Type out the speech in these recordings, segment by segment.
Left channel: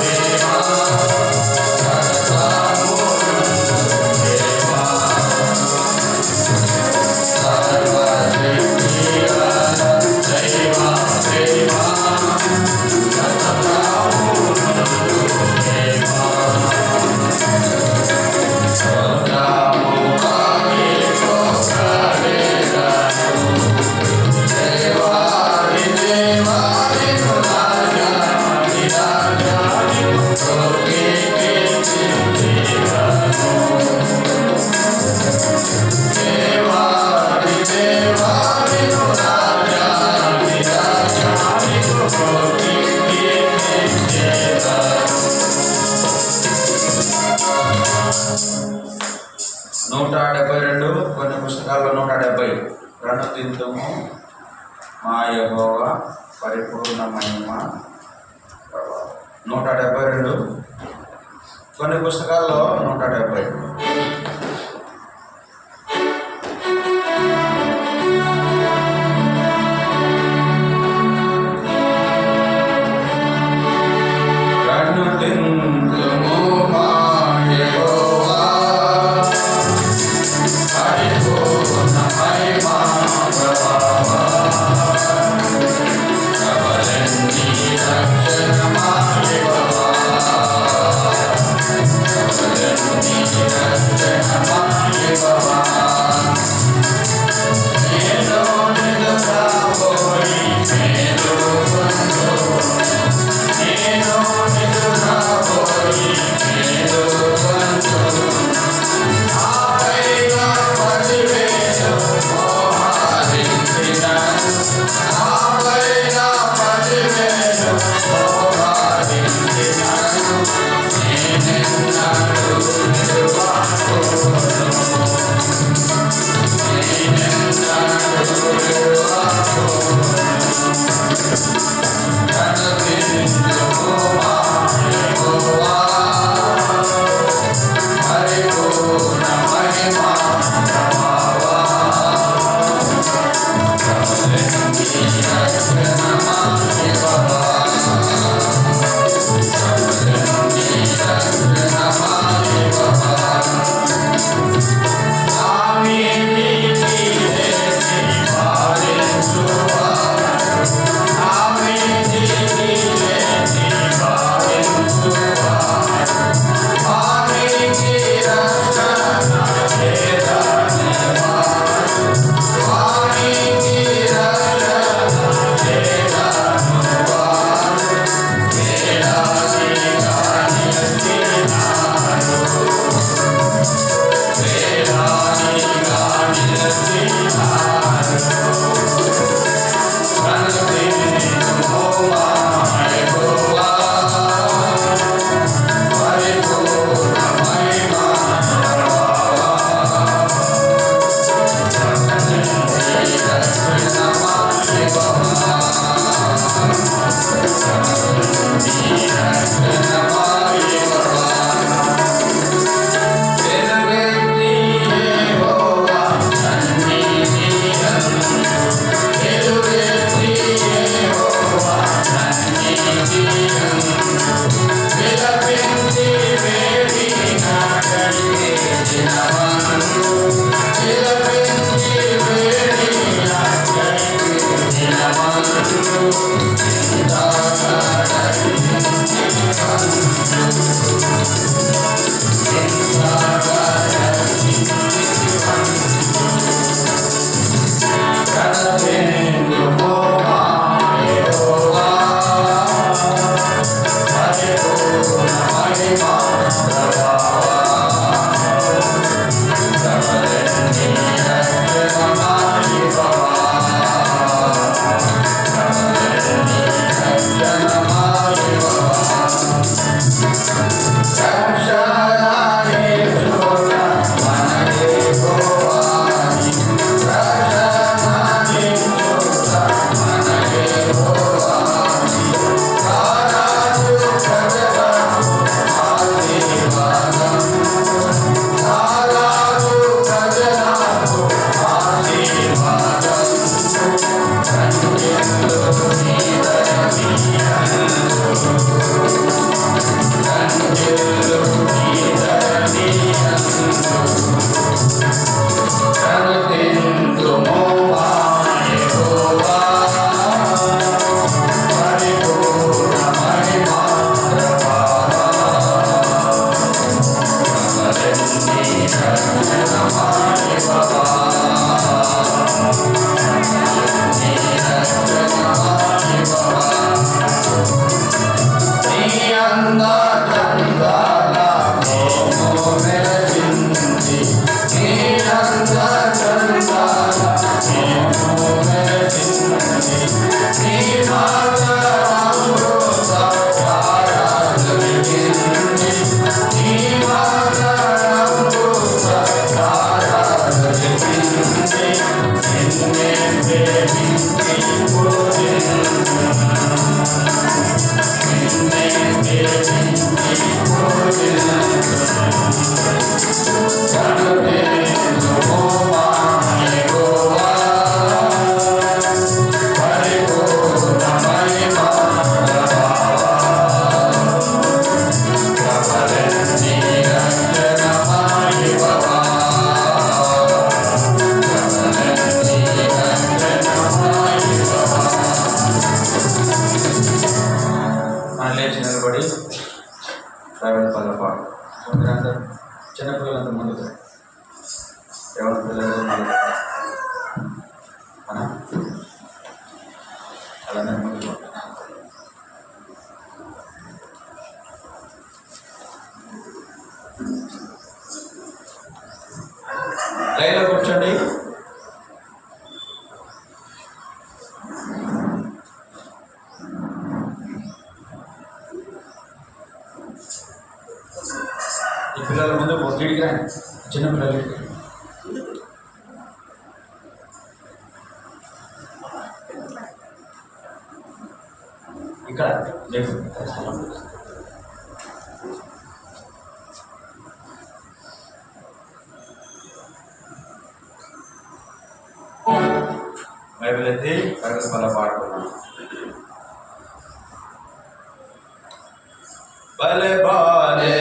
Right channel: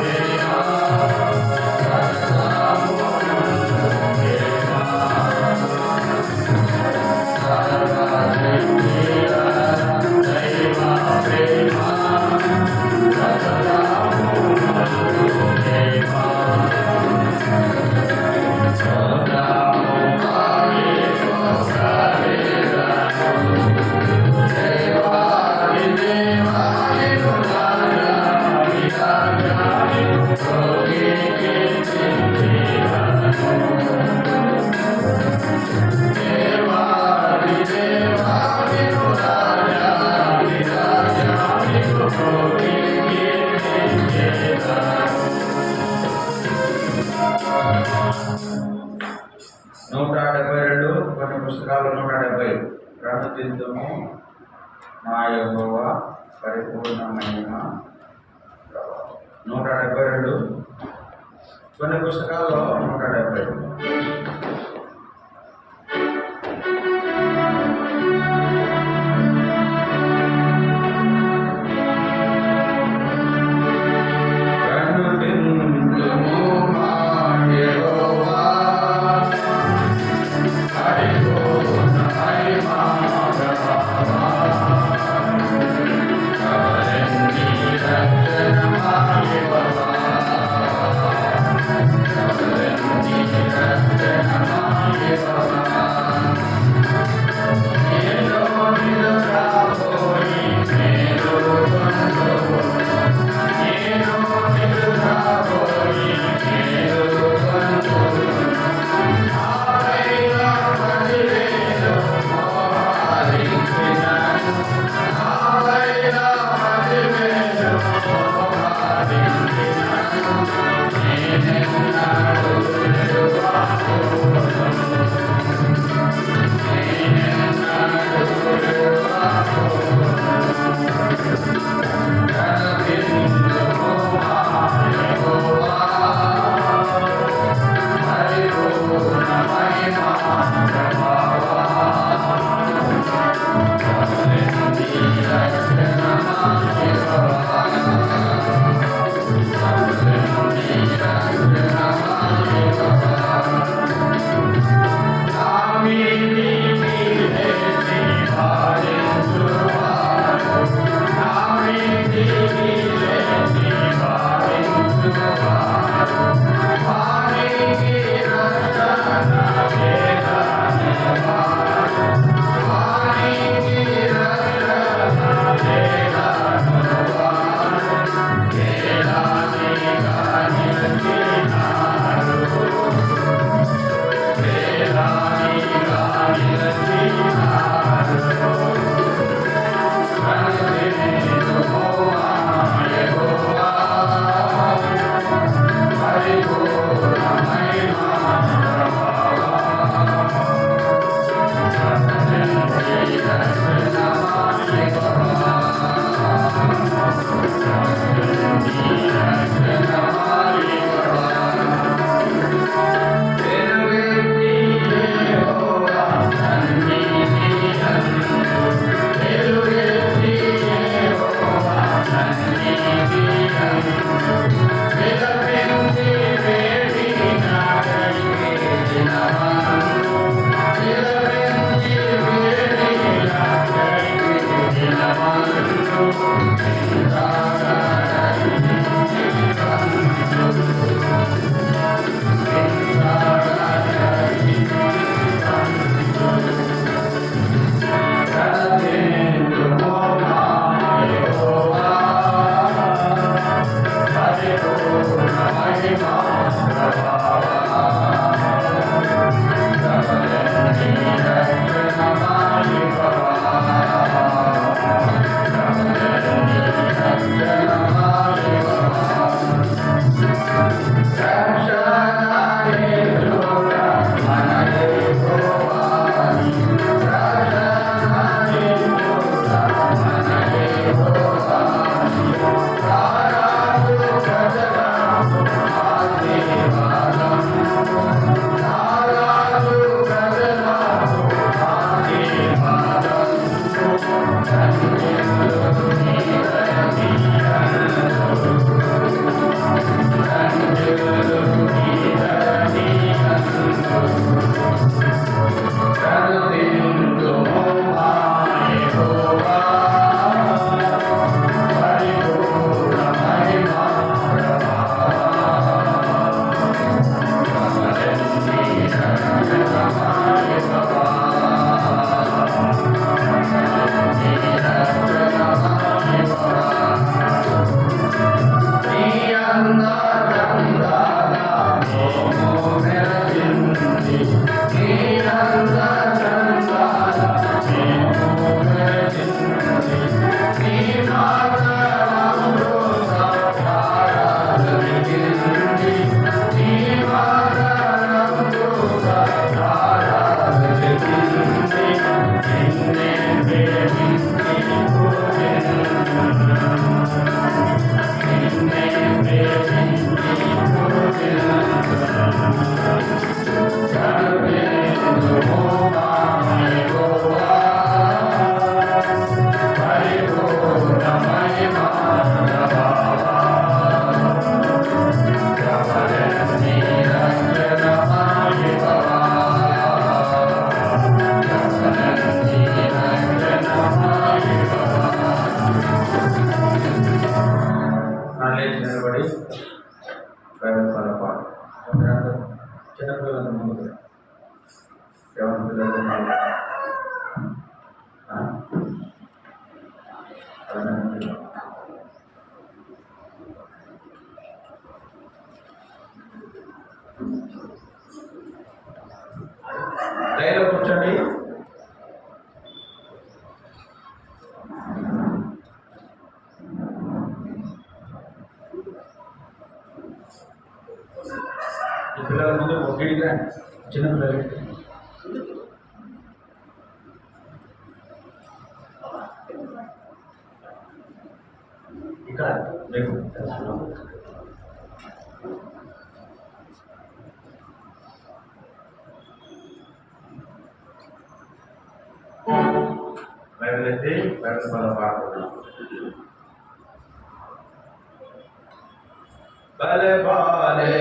Deva పుస్తకాలు 170 ప్రణుతింతుము మా యెహోవా పరిపూర్ణ మహిమ ప్రభావం. 172 కొన్ని పుస్తకాల్లో 170. Thank you. పెట్టండి, చిన్నపిల్లలు పెట్టండి. ఇక్కడ లేదు బైబిల్ ఎత్తి బైబిల్ వల్ల పాడుకున్నాం. భలే బాలే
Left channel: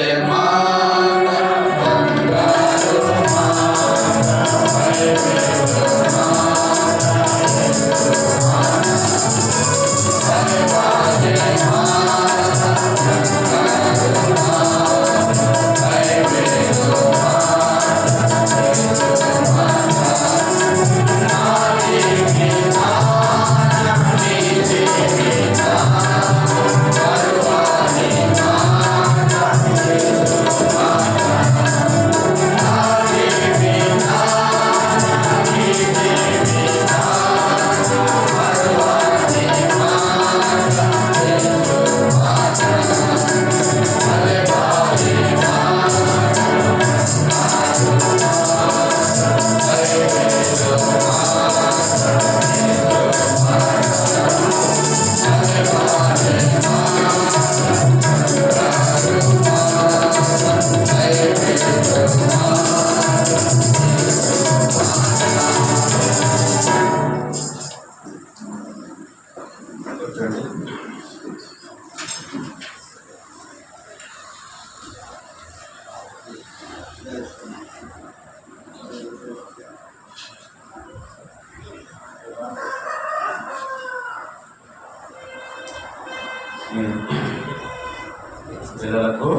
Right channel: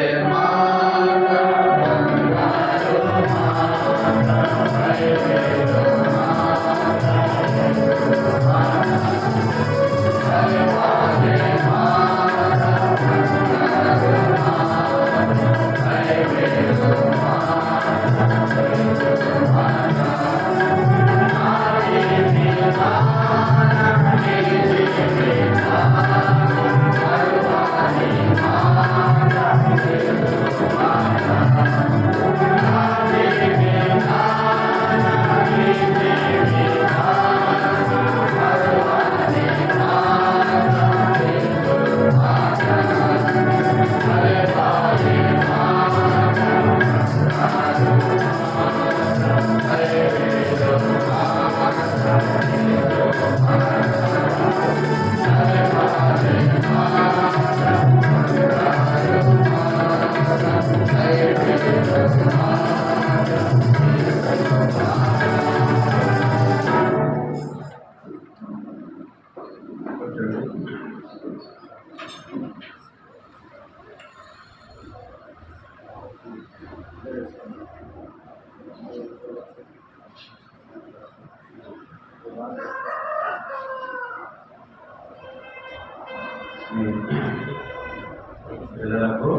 పిల్లలకు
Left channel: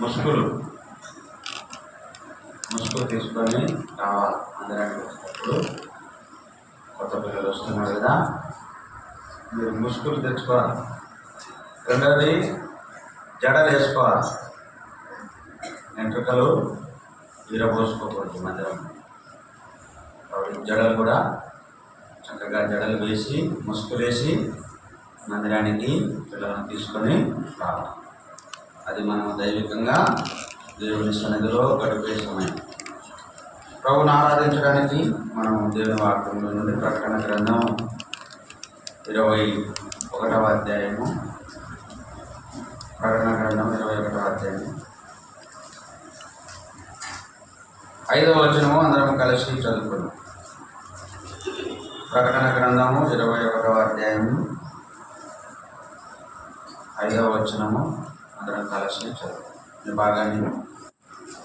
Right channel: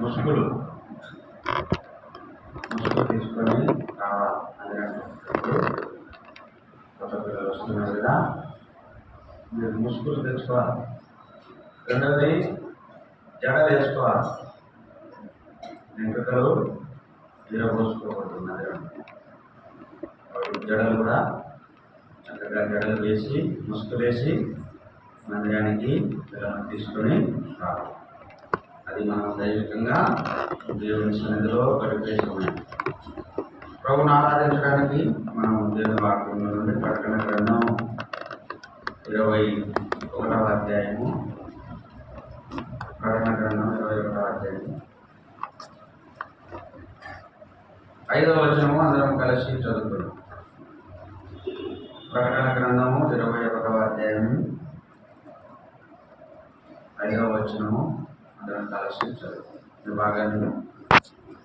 ముసుగులు తీసుకొని రావాలి. అందరానికి వచ్చినప్పుడు కొత్త పిల్లలు వస్తున్నారు కదా, మీరు ముసుగులు తెచ్చుకోవాలి. రెండవది జడలు వేసుకోవాలి. వెంట్రుకలు విరబోసుకోకూడదు మందిరం. జడలు కూడా చక్కగా జడలు వేసి ముసుగులు వేసి మందిరానికి పిల్లలను తీసుకొని రావాలి. అది మనం దైవికంగా దేవుని సన్నిధిలో గడిపే సమయం. ప్రభువును ఆరాధించడానికి మనం దేవుని వాక్యంలో నుండి ప్రకటన గ్రంథం 21వ అధ్యాయము, ప్రకటన గ్రంథం 21వ అధ్యాయం 5వ వచనము అందరం కలిసి చదువుకున్నాం. ప్రకటన గ్రంథము 21వ అధ్యాయము 5వ వచనము అందరం కలిసి చదువు. బాగానే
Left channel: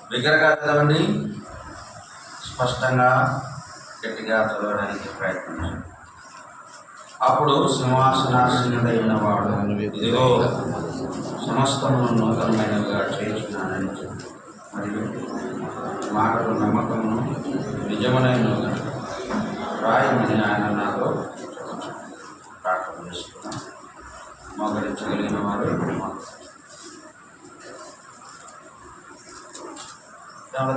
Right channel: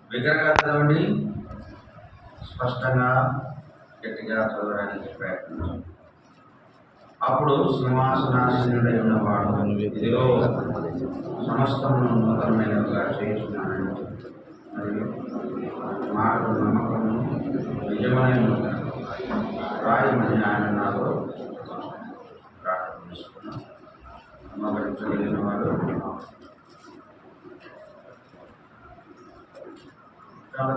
బిగ్గరగా చదవండి, స్పష్టంగా గట్టిగా చదవడానికి ప్రయత్నించండి. అప్పుడు సింహాసనాసీనుడై ఉన్నవాడు, ఇదిగో సమస్తమును నూతనమైనవిగా చేయించున్నానని చెప్పి, మరియు మాటలు నమ్మకమును నిజమైనవిగా రాయమని ఆయన నాతో ప్రార్థన చేసుకున్నాను. మోకరించగలిగిన వారు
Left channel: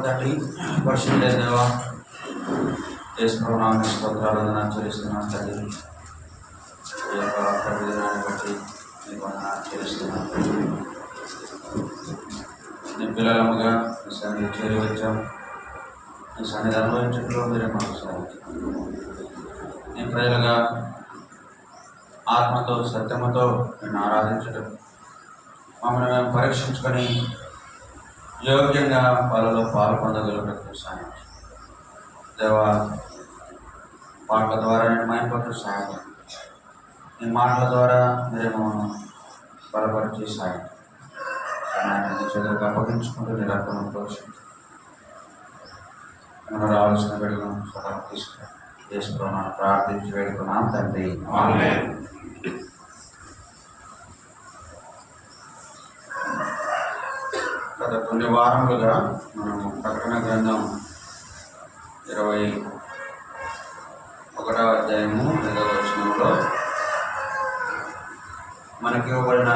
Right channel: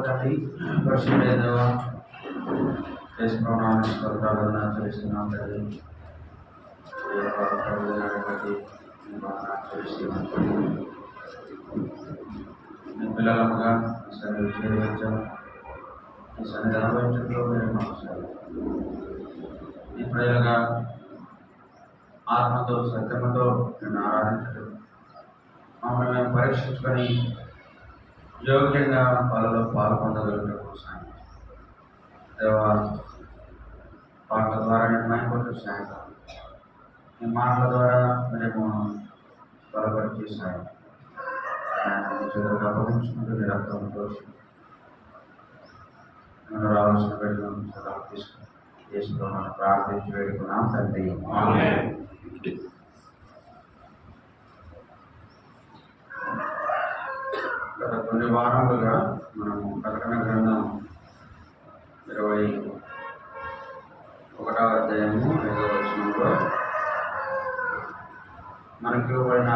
తండ్రి పరిశుద్ధ దేవా, యేసునామమున స్తోత్రాలను చెల్లిస్తున్నాను తండ్రి. ఈ యొక్క ప్రభుత్వాన్ని బట్టి మీకు చెల్లిస్తున్నాను. నీ పిల్లలముగా మీ సన్నిధి చేరి వచ్చాం. నీ సన్నిధి అనుభవించడంలో మీరే మాకు సహాయించారు. నీ ప్రజలుగా ఆత్మతో సత్యముతో నేను ఆరాధించడం, మమ్మల్ని మేము పరీక్షించుకొని యోగ్యంగా వాళ్ళలో పాలు పొందగలుగుటకు సాయం దేవా. పాటల ద్వారా నేను మైపట్టు సాయం, నీ మాటల ద్వారా మీరేమో బలపరిచి సాయం చెదురుగా అప్పగించుకుంటూ నీ రక్తం పోషించి మనం రావాల్సిన వేడుకను సలహా తీసుకుని చేసుకున్నాం, ప్రార్థించి వేడుకున్నాం తండ్రి. గత కొన్ని వారములుగా మనము ప్రకటన గ్రంథం 21వ అధ్యాయము 5వ వచనంలో మనకి ఇవ్వబడిన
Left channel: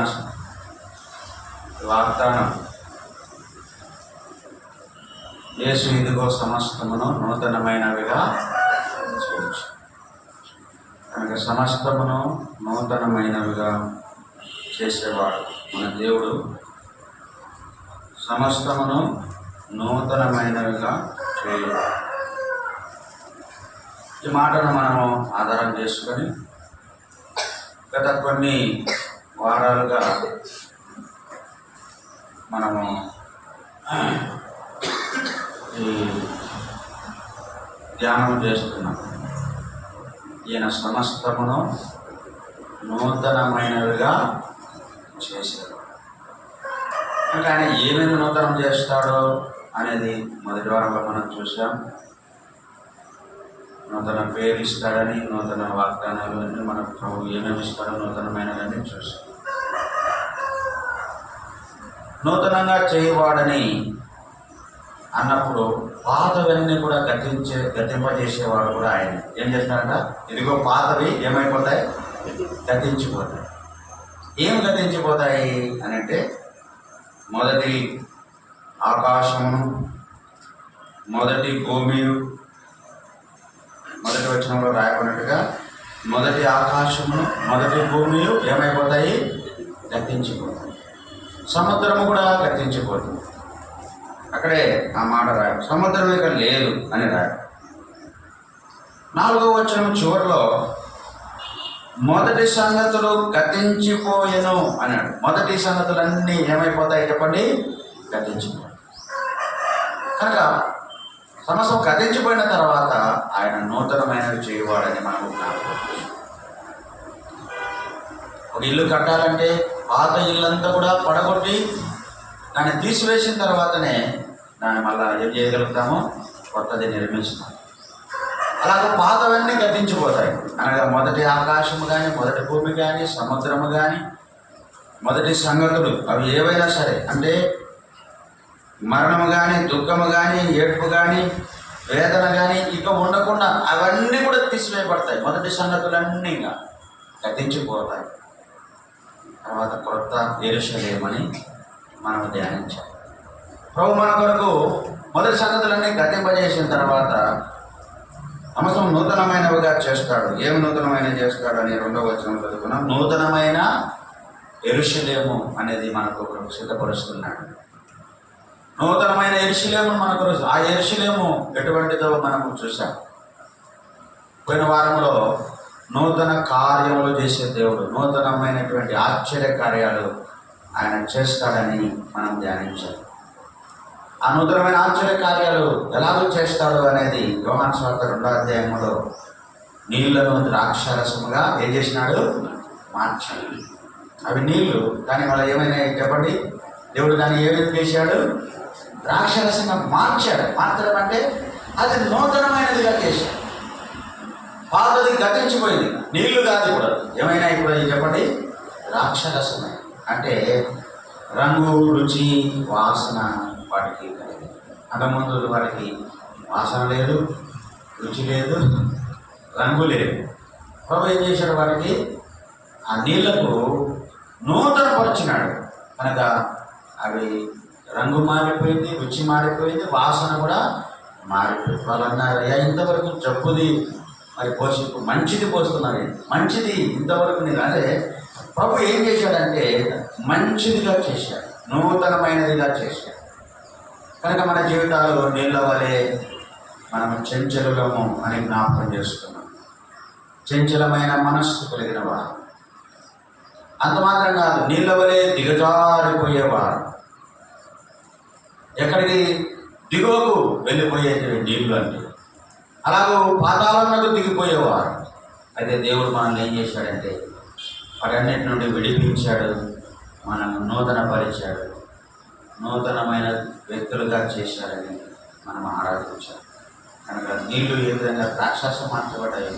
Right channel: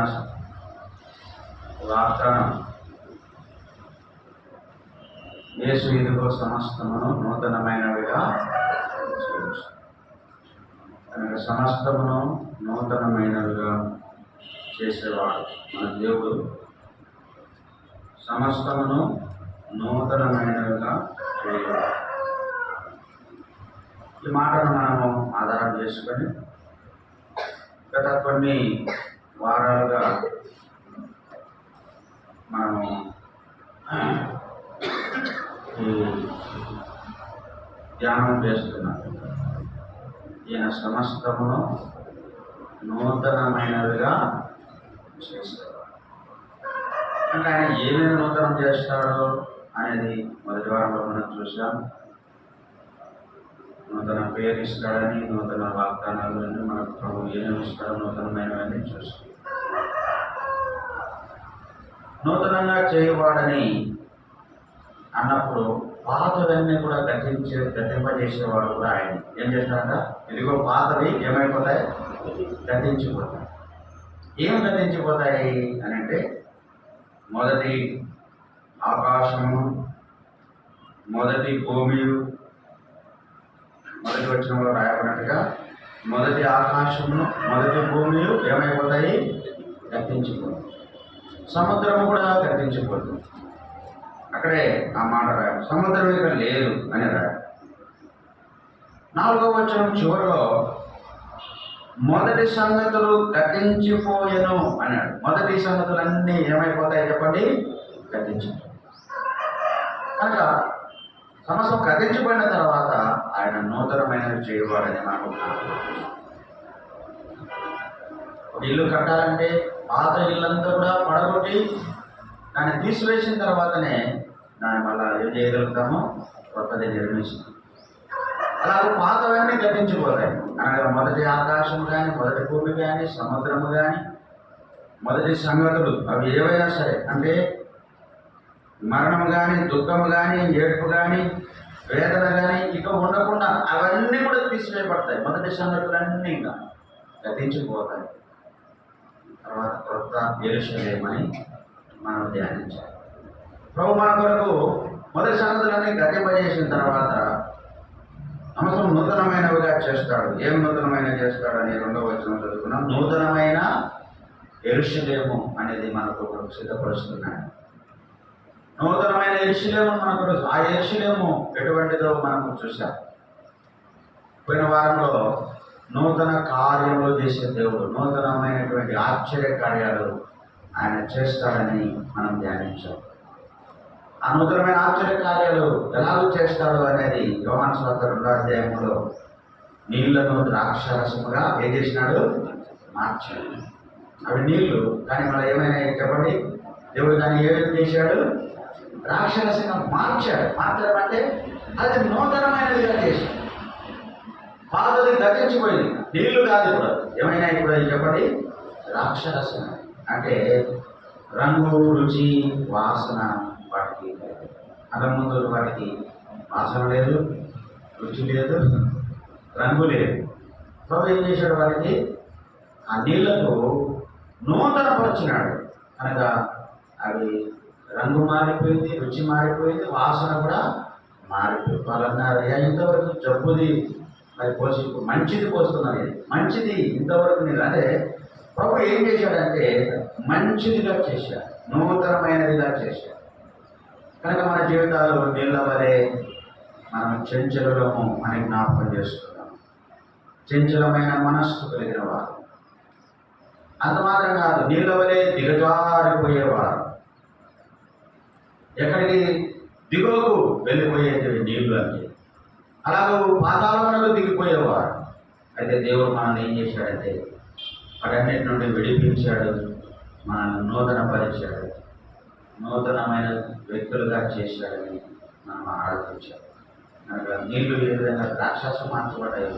వాగ్దానం, యేసు ఇదిగో సమస్తమును నూతనమైనవిగా చేయొచ్చు. కనుక సమస్తమును నూతనమైనవిగా చేసేవాడు మన దేవుడు. సమస్తమును నూతనమైనవిగా చేయవాడు. ఈ మాటను మనము ఆధారం చేసుకొని గత కొన్ని వారాలుగా మనము ఈ ధ్యానం చేస్తున్నాం. ఈయన సమస్తమును నూతనమైనవిగా చేశాడు. అంటే ఆయన ఏమేమి నూతనం చేస్తాడో అనేది మొదటి వారంలో మనం చూసాం. నూతన పేరు ఇస్తాడని, నూతన వాగ్దానాలు అన్నీ మనకు ప్రభు ఏమేమి ఇస్తాడో నూతనమైనవన్నీ చూసాం. నూతనంగా చేయవాడని అన్నప్పుడు పాతవన్నీ కూడా గతింపజేసేవాడు కూడా ఆయన. ఏం చేస్తాడంట? ఇదిగో పాతవి ఏమైపోతాయి? గతించిపోతాయి. ఏం గతించిపోతాయి అని అంటే, మొదటి ఆకాశమును, మొదటి భూమియు, మొదటి వచనంలో రాయబడినట్టుగా మొదటి ఆకాశమును మొదటి భూమియు ఏమైపోతాయి? గతించిపోతాయి. సముద్రము కూడా గతించిపోతుంది. అక్కడే ఆ మాట రాయ, సముద్రం ఇక లేదు అని రాయ. 4వ వచనం చివరిలో మొదటి సంగతులు గతించిపోయెను అన్నాడు. మొదటి సంగతులన్నీ ఏమైపోతాయి చెప్పండి? గతించిపోతాయి. కనుక సమస్తం గతించిపోయిన తర్వాత ఆయన నూతనమైనవి చేయవాడని మనకు జ్ఞాపకం. ఒక ఇల్లు కట్టాలంటే పాత ఇల్లంతా కూడా పడగొట్టి దాన్ని తీసివేసిన తర్వాతనే దాన్ని మళ్ళీ ఏం చేయగలుగుతామో? కొత్తది నిర్మిస్తాం. అలాగే పాతవన్నీ గతించిపోతాయి. అనగా మొదటి ఆకాశము కానీ, మొదటి భూమి కానీ, సముద్రము కానీ, మొదటి సంగతులు అవి ఏవైనా సరే, అంటే మరణము కానీ, దుఃఖము కానీ, ఏడ్పు కానీ, వేదన కానీ ఇక ఉండకుండా అవన్నీ కూడా తీసివేయబడతాయి. మొదటి సంగతులన్నీ గతించిపోతాయి. తర్వాత కొత్త యెరూషలేమని మనం ధ్యానించాం. ప్రభు మన కొరకు మొదటి సంగతులన్నీ గతింపజేసిన తర్వాత సమస్తం నూతనమైనవిగా చేస్తాడు. ఏం నూతనమైన చేస్తాడు అని 2వ వచనం చదువుకున్నాం. నూతనమైన యెరూషలేము అనేది మనకు సిద్ధపరుస్తున్నాడు. నూతనమైన యెరూషలేము మనకు, ఆ యెరూషలేము ఎటువంటిదో మనము చూసాం. పోయిన వారంలో నూతన కార్యములు చేసే దేవుడు, నూతనమైనటువంటి ఆశ్చర్య కార్యాలు ఆయన చేస్తాడని మనం ధ్యానించాం. ఆ నూతనమైన ఆశ్చర్య కార్యాలు ఎలాగో చేస్తాడు అనేది యోహాను సువార్త 2వ అధ్యాయంలో నీళ్లను ద్రాక్షారసముగా ఏం చేసినాడు? మార్చాడు. అవి నీళ్లు, కానీ మళ్ళీ ఏమైనా చెప్పండి? దేవుడు దాన్ని ఏమేమి చేశాడు? ద్రాక్షరసంగా మార్చాడు. మార్చడం అంటే అది నూతనమైనదిగా చేశాడు. పాతది గతించిపోయింది, నీళ్లు కాదు. ఇప్పుడు ఏమైనా ఇప్పుడు చెప్పండి? ద్రాక్షరసమే. అంటే రంగు, రుచి, వాసన వాటికి కలిగింది. అంతకుముందు వాటికి వాసన లేదు, రుచి లేదు, రంగు లేదు. ప్రభు ఏం చేశాడు? వాటికి ఆ నీళ్లకు నూతనపరిచినాడు. కనుక అవి రంగు మారిపోయింది, రుచి మారిపోయింది, వాసన కూడా మారిపోయింది. వాళ్ళు అన్నారు, ఇంతవరకు జబ్బుది మరి పోసి మంచిది పోస్తున్నారు, మంచిది ఇంతవరకు నేను. అంటే ప్రభు ఏం చేశాడంటే మంచిదిగా చేశాడు, నూతనమైనదిగా చేశాడు. కనుక మన జీవితాలు నీళ్ళ వలె మనం చంచలము అని జ్ఞాపకం చేసుకున్నాం. చంచలమైన మనస్సు కలిగిన వారు. అంత మాత్రం కాదు, నీళ్ళ వలె దిగజారిపోయేవారు. ఎక్కడికి? దిగువకు వెళ్ళిపోయేటువంటి నీళ్ళు అంటే అలాగూ పాతాళంలో దిగిపోయేవారు. అయితే దేవుడు మనల్ని ఏం చేశాడంటే వాటన్నిటి నుండి విడిపించాడు, మనల్ని నూతనపరిచాడు, నూతనమైన వ్యక్తులుగా చేశాడని మనం ఆరాధించాడు. కనుక నీళ్లు ఏ విధంగా ద్రాక్షారసం మార్చబడ్డాయి,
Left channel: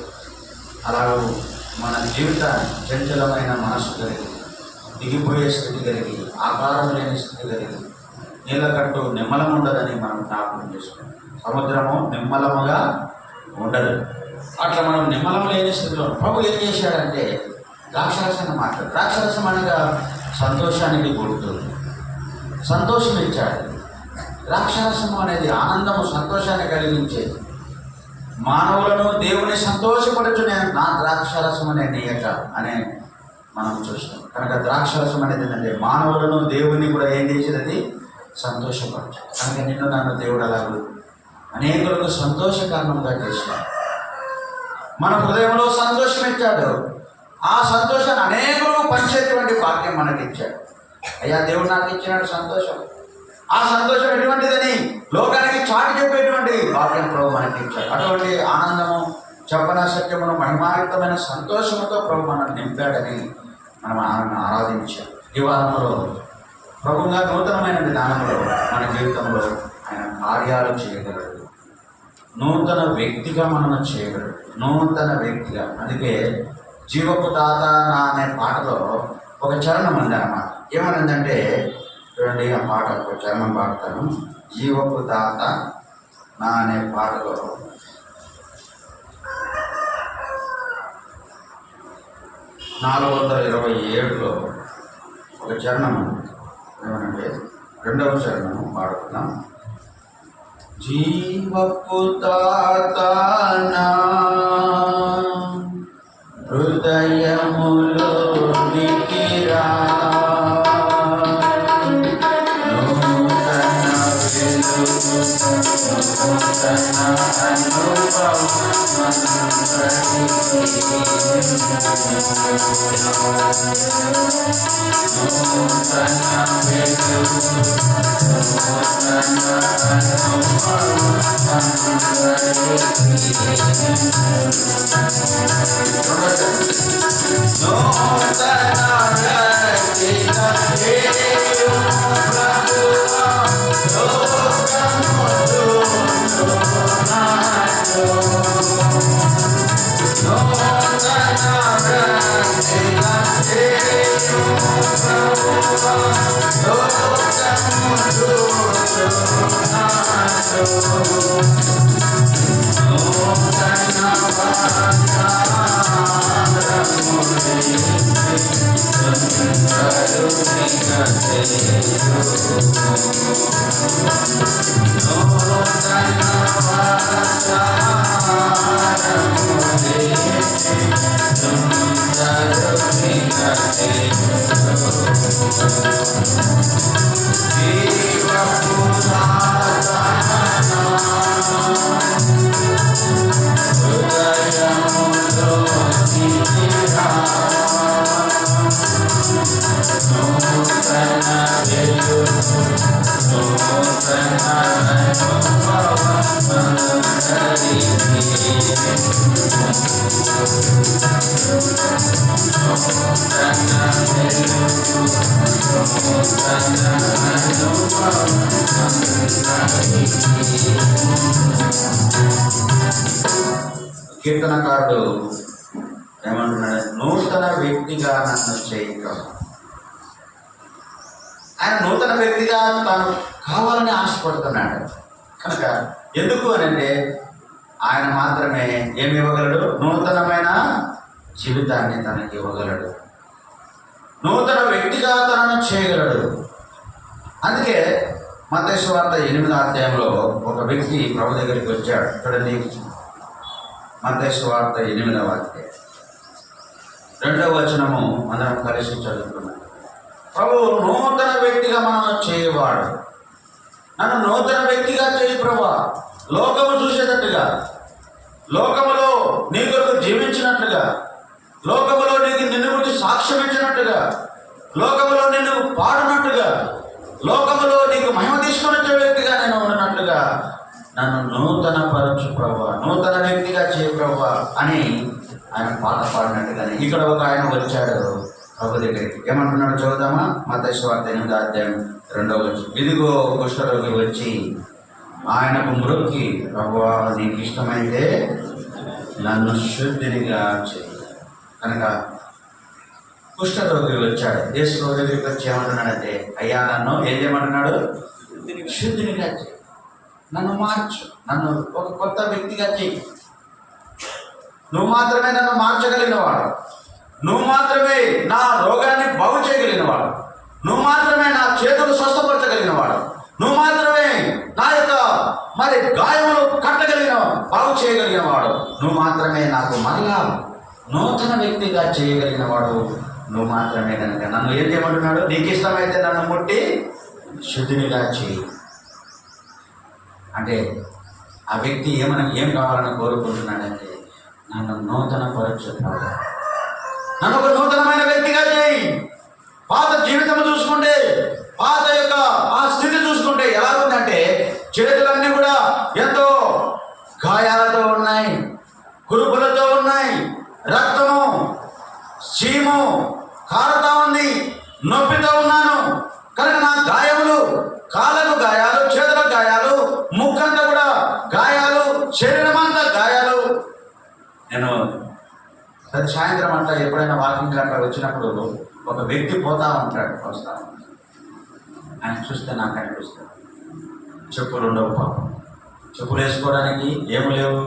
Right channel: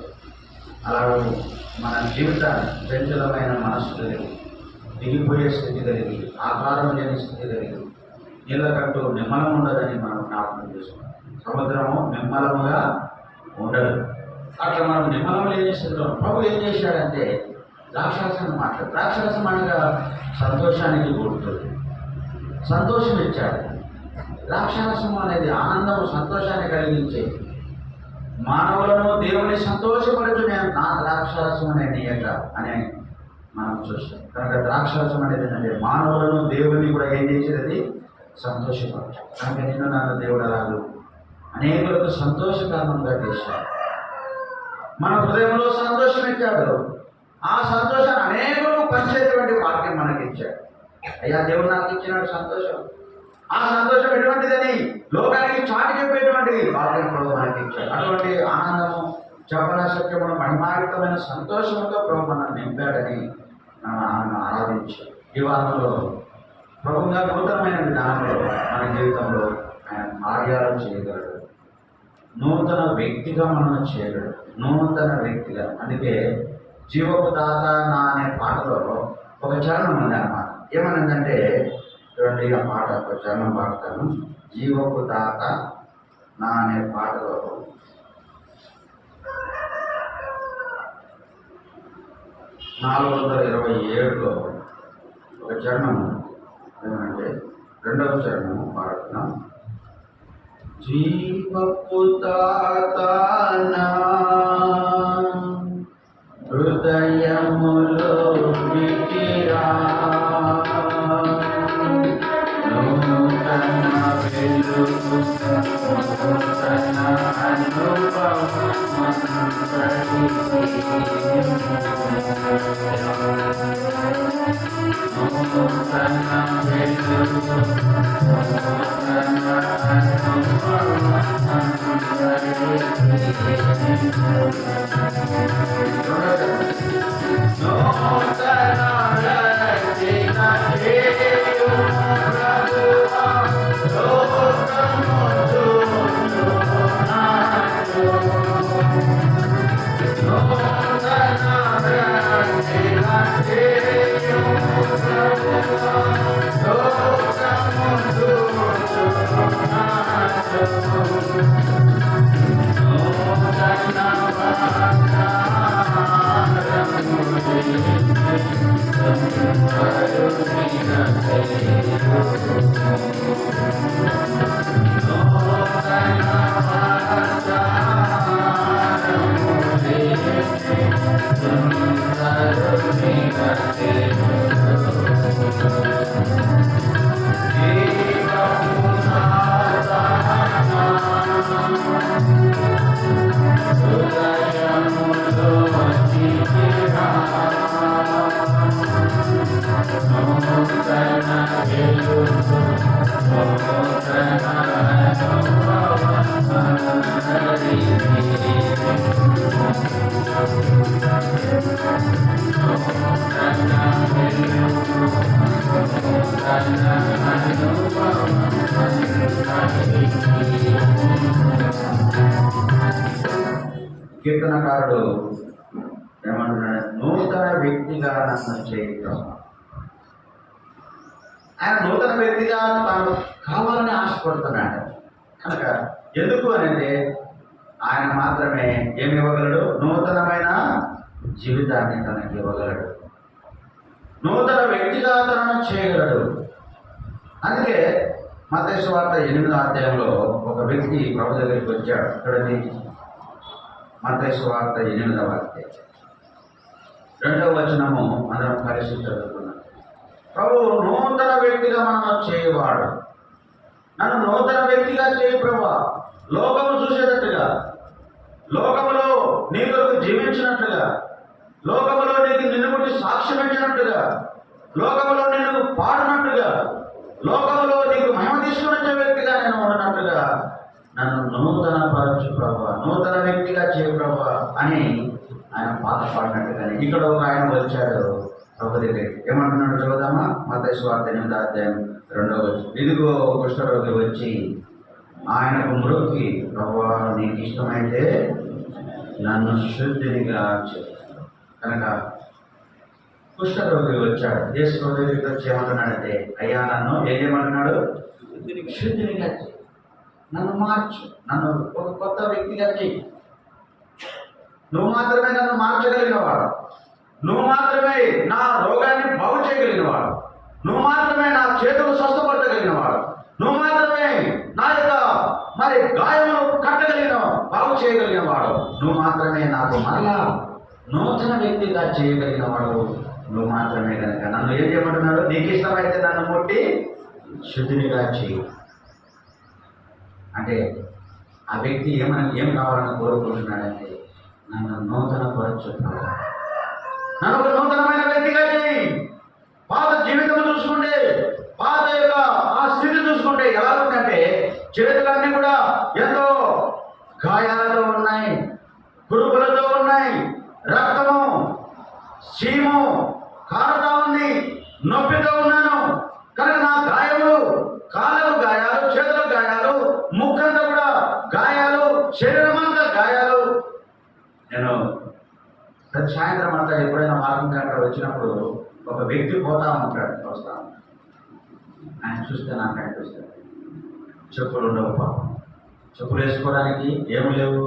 అలాగే మన జీవితాన్ని చంచలమైన మనస్సు కలిగి, దిగిపోయే స్థితి కలిగి, ఆకారం లేని స్థితి కలిగి, నీళ్ళ కట్టు నిమ్మలం ఉండదని మనం జ్ఞాపకం చేసుకున్నాం. సముద్రము నిమ్మలముగా ఉండదు. అట్లా మనం నిమ్మలం లేని స్థితిలో ప్రభు ఏం చేశాడంటే ద్రాక్షరసాన్ని మాట్లాడు. ద్రాక్షరసం అనగా సంతోషానికి గుర్తు, సంతోషం ఇచ్చాడు. ద్రాక్షరసం అనేది ఆనందము, సంతోషాన్ని కలిగించేది. మానవులను దేవుని సంతోషపరచునే నా ద్రాక్షరసం అనే నీయట అనే మనం చూస్తాం. కనుక ద్రాక్షరసం అనేది ఏంటంటే మానవులను దేవుని కూడా ఏం చేసేది? సంతోషపరచాడు. కనుక నిన్ను నన్ను దేవుడు అలాగూ అనేకులకు సంతోష కారణంగా చేశాడు. మన హృదయంలో సంతోషం ఇచ్చాడు. ఆ సంతోషాన్ని అనేకులకు పంచేటువంటి భాగ్యం మనకిచ్చాడు. అయ్యా దేవుడు నాకు ఇచ్చినాడు సంతోషం. ఆ సంతోషం ఎటువంటిదని లోకానికి చాటి చెప్పేటువంటి భాగ్యం ప్రభు మనకి ఇచ్చాడు. అటువంటి ఆనందము, చెప్పన సత్యమును, మహిమాయుక్తమైన సంతోషంతో ప్రభు మనకు నింపాడని మనం ఆరాధించాం. ఈ వారంలో ప్రభుగా నూతనమైన విధానంలో మన జీవితంలో ఆయన కార్యాలు చేయగలడు. నూతన వ్యక్తిగా మనల్ని చేయగలడు. నూతన వ్యక్తిగా. అందుకే జీవపు దాత నా అనే పాటలో ఒక చరణం ఉంది అన్నమాట. ఏమనిందంటే చూడండి, ఆ పాట ఒక చరణం పాడతాను. జీవపు దాత నా అనే పాటలో 427లో ఒక చరణము ఏమనంటే 2వ చరణము పాడుతున్నాం. జీవపు దాత నా హృదయములోనికి రా, నూతన వెలుగు, నూతన అనుభవం కీర్తనకారుడు ఏమంటున్నాడు? నూతన వ్యక్తిగా నన్ను చేయటం. ఆయన నూతన వ్యక్తిగా తాను కావాలని ఆశపడుతున్నాడు. కనుక ఎందుకు అని అంటే ఆయన మాత్రమే ఏమి ఇవ్వగలడు? నూతనమైన జీవితాన్ని తనకి ఇవ్వగలడు. నూతన వ్యక్తిగా తనను చేయగలడు. అందుకే మత్తయి సువార్త 8వ అధ్యాయంలో ఒక వ్యక్తి ప్రభు దగ్గరికి వచ్చాడు. చూడండి, మత్తయి సువార్త 8వ అధ్యాయం 2వ వచనము అందరం కలిసి చదువుకున్నాం. ప్రభు నూతన వ్యక్తిగా మనం చేయవాడు. నన్ను నూతన వ్యక్తిగా చేయి ప్రభా. లోకము చూసేటట్టుగా, లోకములో నీ కొరకు జీవించినట్లుగా, లోకములో నీకు నిన్ను గురించి సాక్ష్యం ఇచ్చినట్టుగా, లోకములో నిన్ను పాడినట్టుగా, లోకములో నీకు మహిమ తీసుకుని వచ్చే వ్యక్తిగా నేను ఉన్నట్లుగా నన్ను నూతన పరచు ప్రభా, నూతన వ్యక్తిగా చేయి ప్రభా అని ఆయన పాట పాడినట్టుగానే ఇక్కడ ఒక ఆయన వచ్చాడు ప్రభు దగ్గరికి. ఏమంటున్నాడు చదువుదామా? మత్తయి సువార్త 8వ అధ్యాయం 2వ వచనం. ఇదిగో కుష్ఠరోగి వచ్చి ఆయనకు మ్రొక్కి, ప్రభువా నీకు ఇష్టమైతే నన్ను శుద్ధినిగా చేయి. కనుక కుష్ఠరోగి వచ్చాడు. యేసు దగ్గరికి వచ్చి ఏమంటున్నాడంటే, అయ్యా నన్ను ఏం చేయమంటున్నాడు? శుద్ధినిగా చేయి, నన్ను మార్చు, నన్ను ఒక కొత్త వ్యక్తిగా చేయి. నువ్వు మాత్రమే నన్ను మార్చగలిగినవాడు, నువ్వు మాత్రమే నా రోగాన్ని బాగు చేయగలిగినవాడు, నువ్వు మాత్రమే నా చేతులు స్వస్థపరచగలిగినవాడు, నువ్వు మాత్రమే నా యొక్క మరి గాయములు కట్టగలిగిన బాగు చేయగలిగినవాడు, నువ్వు మాత్రమే నాకు మరలా నూతన వ్యక్తిగా చేయగలిగినవాడు, నువ్వు మాత్రమే. కనుక నన్ను ఏం చేయమంటున్నాడు? నీకు ఇష్టమైతే నన్ను ముట్టి శుద్ధినిగా చేయి. అంటే ఆ వ్యక్తి ఏం కావాలని కోరుకుంటున్నాడంటే, నన్ను నూతన పరచుతున్నాడు, నన్ను ఒక నూతనమైన వ్యక్తిగా చేయి. పాత జీవితం చూసుకుంటే, పాత యొక్క ఆ స్థితి చూసుకుంటే ఎలా ఉందంటే, చేతులన్నీ కూడా ఎంతో గాయాలతో ఉన్నాయి, కురుపులతో ఉన్నాయి, రక్తము చీము కారుతా ఉంది, నొప్పితో ఉన్నాను. కనుక నా గాయములు, కాళ్ళకు గాయాలు, చేతులకు గాయాలు, ముక్కంతా కూడా గాయాలు, శరీరం అంతా గాయాలు. నేను ప్రతి సాయంత్రం అంతా ఎప్పుడైనా వాకింగ్ అక్కడ వచ్చినప్పుడు ఒక వ్యక్తి పోతా ఉంటాడు, వస్తాను. ఆయన చూస్తే నాకు అనిపిస్తుంది, చెప్పులు ఉండవు పాపం, చెప్పులు వేసుకోవడానికి ఏమి లేవు,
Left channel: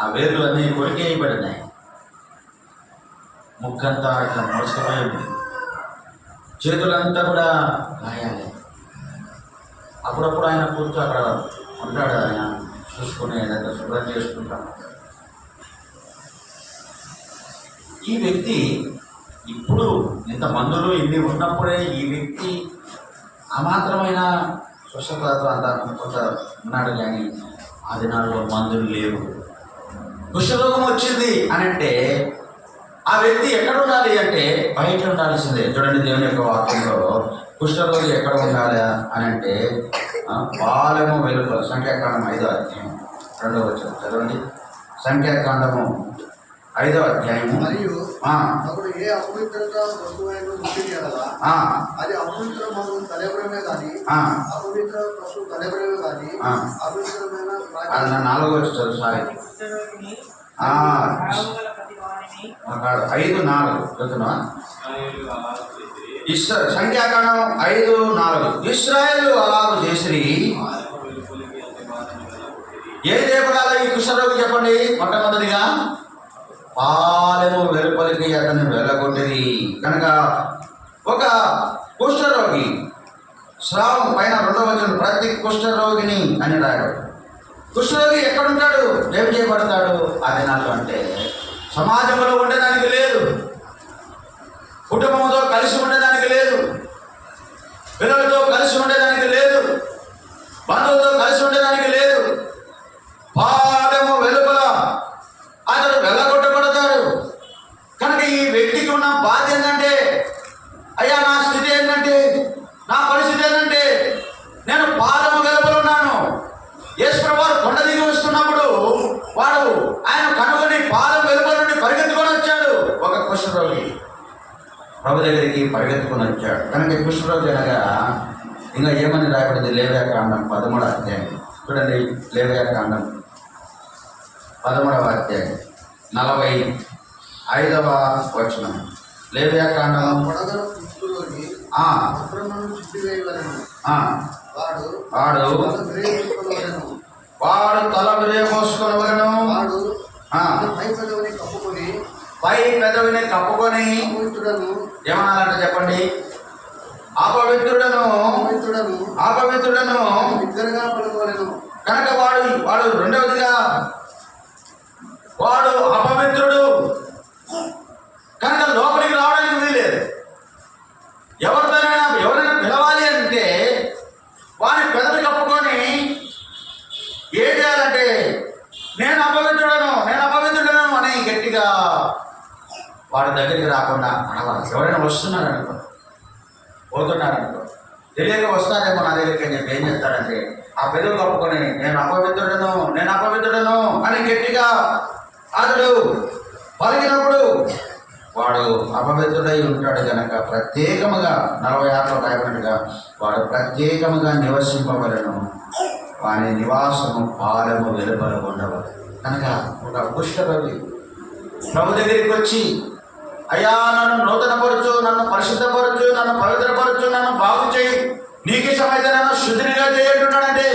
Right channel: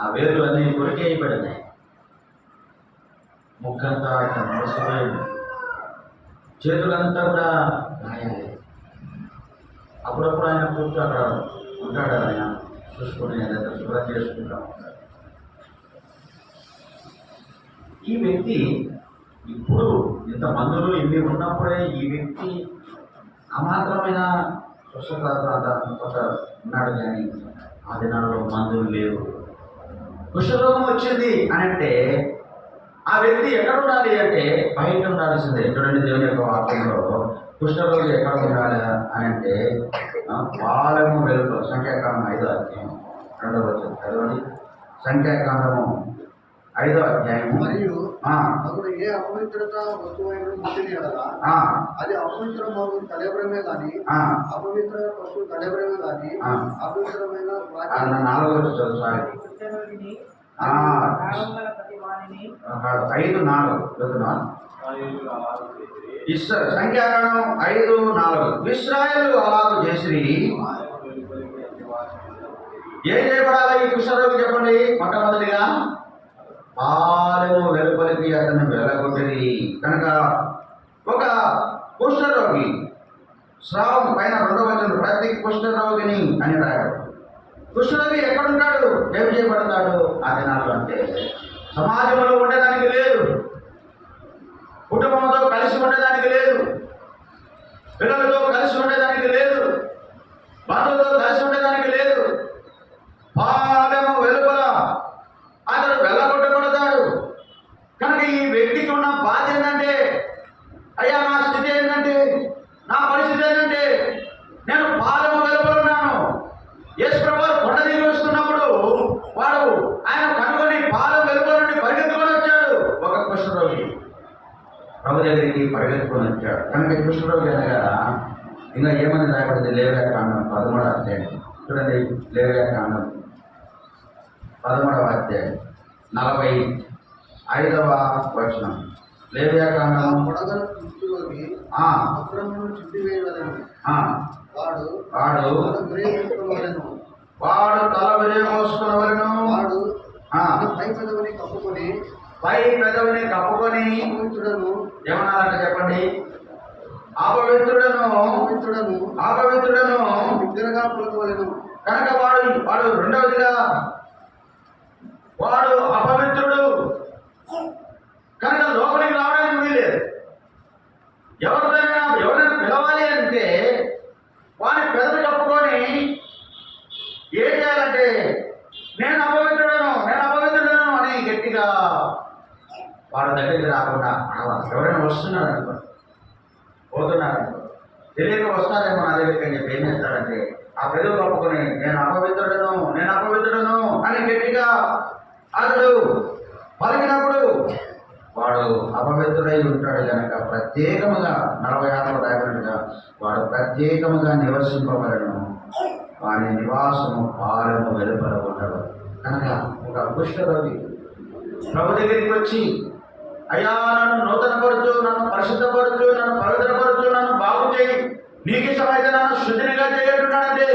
ఆ వేర్లు అన్నీ కొరికి వేయబడినాయి, ముక్కంతా ఇట్లా మోసుకుపోయింది, చేతులంతా కూడా గాయాలి. అప్పుడప్పుడు ఆయన కూర్చో అక్కడ ఉంటాడు, ఆయన చూసుకుని ఏదైనా శుభ్రం చేసుకుంటాడు. ఈ వ్యక్తి ఇప్పుడు ఇంత మందులు ఇన్ని ఉన్నప్పుడే ఈ వ్యక్తి అమాత్రమైన స్వస్థతతో అంత కొంత ఉన్నాడు. కానీ ఆ దినాల్లో మందులు లేవు. కుష్ఠరోగం వచ్చింది అని అంటే ఆ వ్యక్తి ఎక్కడ ఉండాలి అంటే బయట ఉండాల్సిందే. చూడండి, దేవుని యొక్క వాక్యంలో కుష్ఠరోగి ఎక్కడ ఉండాలి అని అంటే పాలెము వెలుపల, సంఖ్యాకాండం 5వ అధ్యాయం 2వ వచనం చదవండి. సంఖ్యాకాండము 5వ అధ్యాయము. మరియు అప్పుడు ఏ అపవిత్రత వస్తువైన అది అపవిత్ర మగు కలెబరమే కానీ, అపవిత్ర పశువు కలెబరమే కానీ, అపవిత్రమైన 4వ వచనం చదువు. సారీ, 5:4 చదువుతున్నా. సంఖ్యాకాండం 5:4. ఇశ్రాయేలు అలాగు చేసిరి. ఏ దేవరాల ఈ కుష్ఠరోగి చెప్పండి? మొట్టమొదటిగా పాలెము వెలుపలికి అతన్ని వెళ్ళగొట్టిరి. కనుక ఒక కుష్ఠరోగి, స్రావం పైన 2వ వచనం, ప్రతి కుష్ఠరోగిని అని రాయడు. కుష్ఠరోగి ఎక్కడుంటాడు, ఏం చేయబడతాడు ఆ దినాలు అంటే? సమాజంలో ఉండడానికి లేదు, కుటుంబంతో కలిసి ఉండడానికి లేదు, పిల్లలతో కలిసి ఉండడానికి లేదు, బంధువులతో కలిసి ఉండడానికి లేదు. పాదము వెలుపల అతడు వెళ్ళగొట్టబడతాడు. కనుక ఈ వ్యక్తికి ఉన్న బాధ ఏంటంటే, అయ్యా నా స్థితి ఏంటంటే, నా పరిస్థితి ఏంటంటే, నేను పాదము వెలుపల ఉన్నాను. యేసు ప్రభువు కొండ దిగి వస్తున్నప్పుడు వాడు ఆయన కనుగొని పాదం వెలుపల నుండి పరిగెత్తుకొని వచ్చాడు. ఒక కుష్ఠరోగి ప్రభు దగ్గరికి పరిగెత్తుకొని వచ్చాడు. కనుక కుష్ఠరోగి అనగా ఇంకా ఏమని రాయబడింది? లేవ్యాకాండం 13వ అధ్యాయం చూడండి. లేవ్యాకాండం 13వ అధ్యాయం 45వ వచనం. లేవ్యాకాండం వాడు తల విరేమోసుకొనవలెను. పై పెదవిని కప్పుకొని ఏమన్నారంటే చెప్పండి? అపవిత్రుడను బిగ్గరగా పలుకవలెను. కనుక వాడు రెండవదిగా వాడు అపవిత్రుడు. కనుక లోపలికి రావడానికి వీల్లేదు. ఎవరైనా పిలవాలి అంటే వాని పెదవి కప్పుకొని ఏం చేయాలంటే, నేను అపవిత్రుడను అని గట్టిగా వాడి దగ్గరికి రాకుండా అనవాలి. ఎవరైనా వస్తున్నారనుకో, పోతున్నారనుకో, తెలియక వస్తారేమో నా దగ్గరికి అని చెప్పి ఏం చేస్తాడంటే ఆ పెదవి కప్పుకొని నేను అపవిత్రుడను అని గట్టిగా అతడు పలికినప్పుడు వాడు అపవిత్రుడై ఉంటాడు. కనుక ప్రత్యేకముగా 46లో రాయబడినట్టుగా వాడు ప్రత్యేకముగా నివసింపవలను, వాని నివాసము పాలెము వెలుపల ఉండవలను. కనుక ఒక కుష్ఠరోగి ప్రభు దగ్గరికి వచ్చి, అయ్యా నన్ను నూతనపరచు, నన్ను పరిశుద్ధపరచు, నన్ను పవిత్రపరచు, నన్ను బాగు చేయి, నీకు ఇష్టమైతే నన్ను శుద్ధినిగా చేయంటున్నాడంటే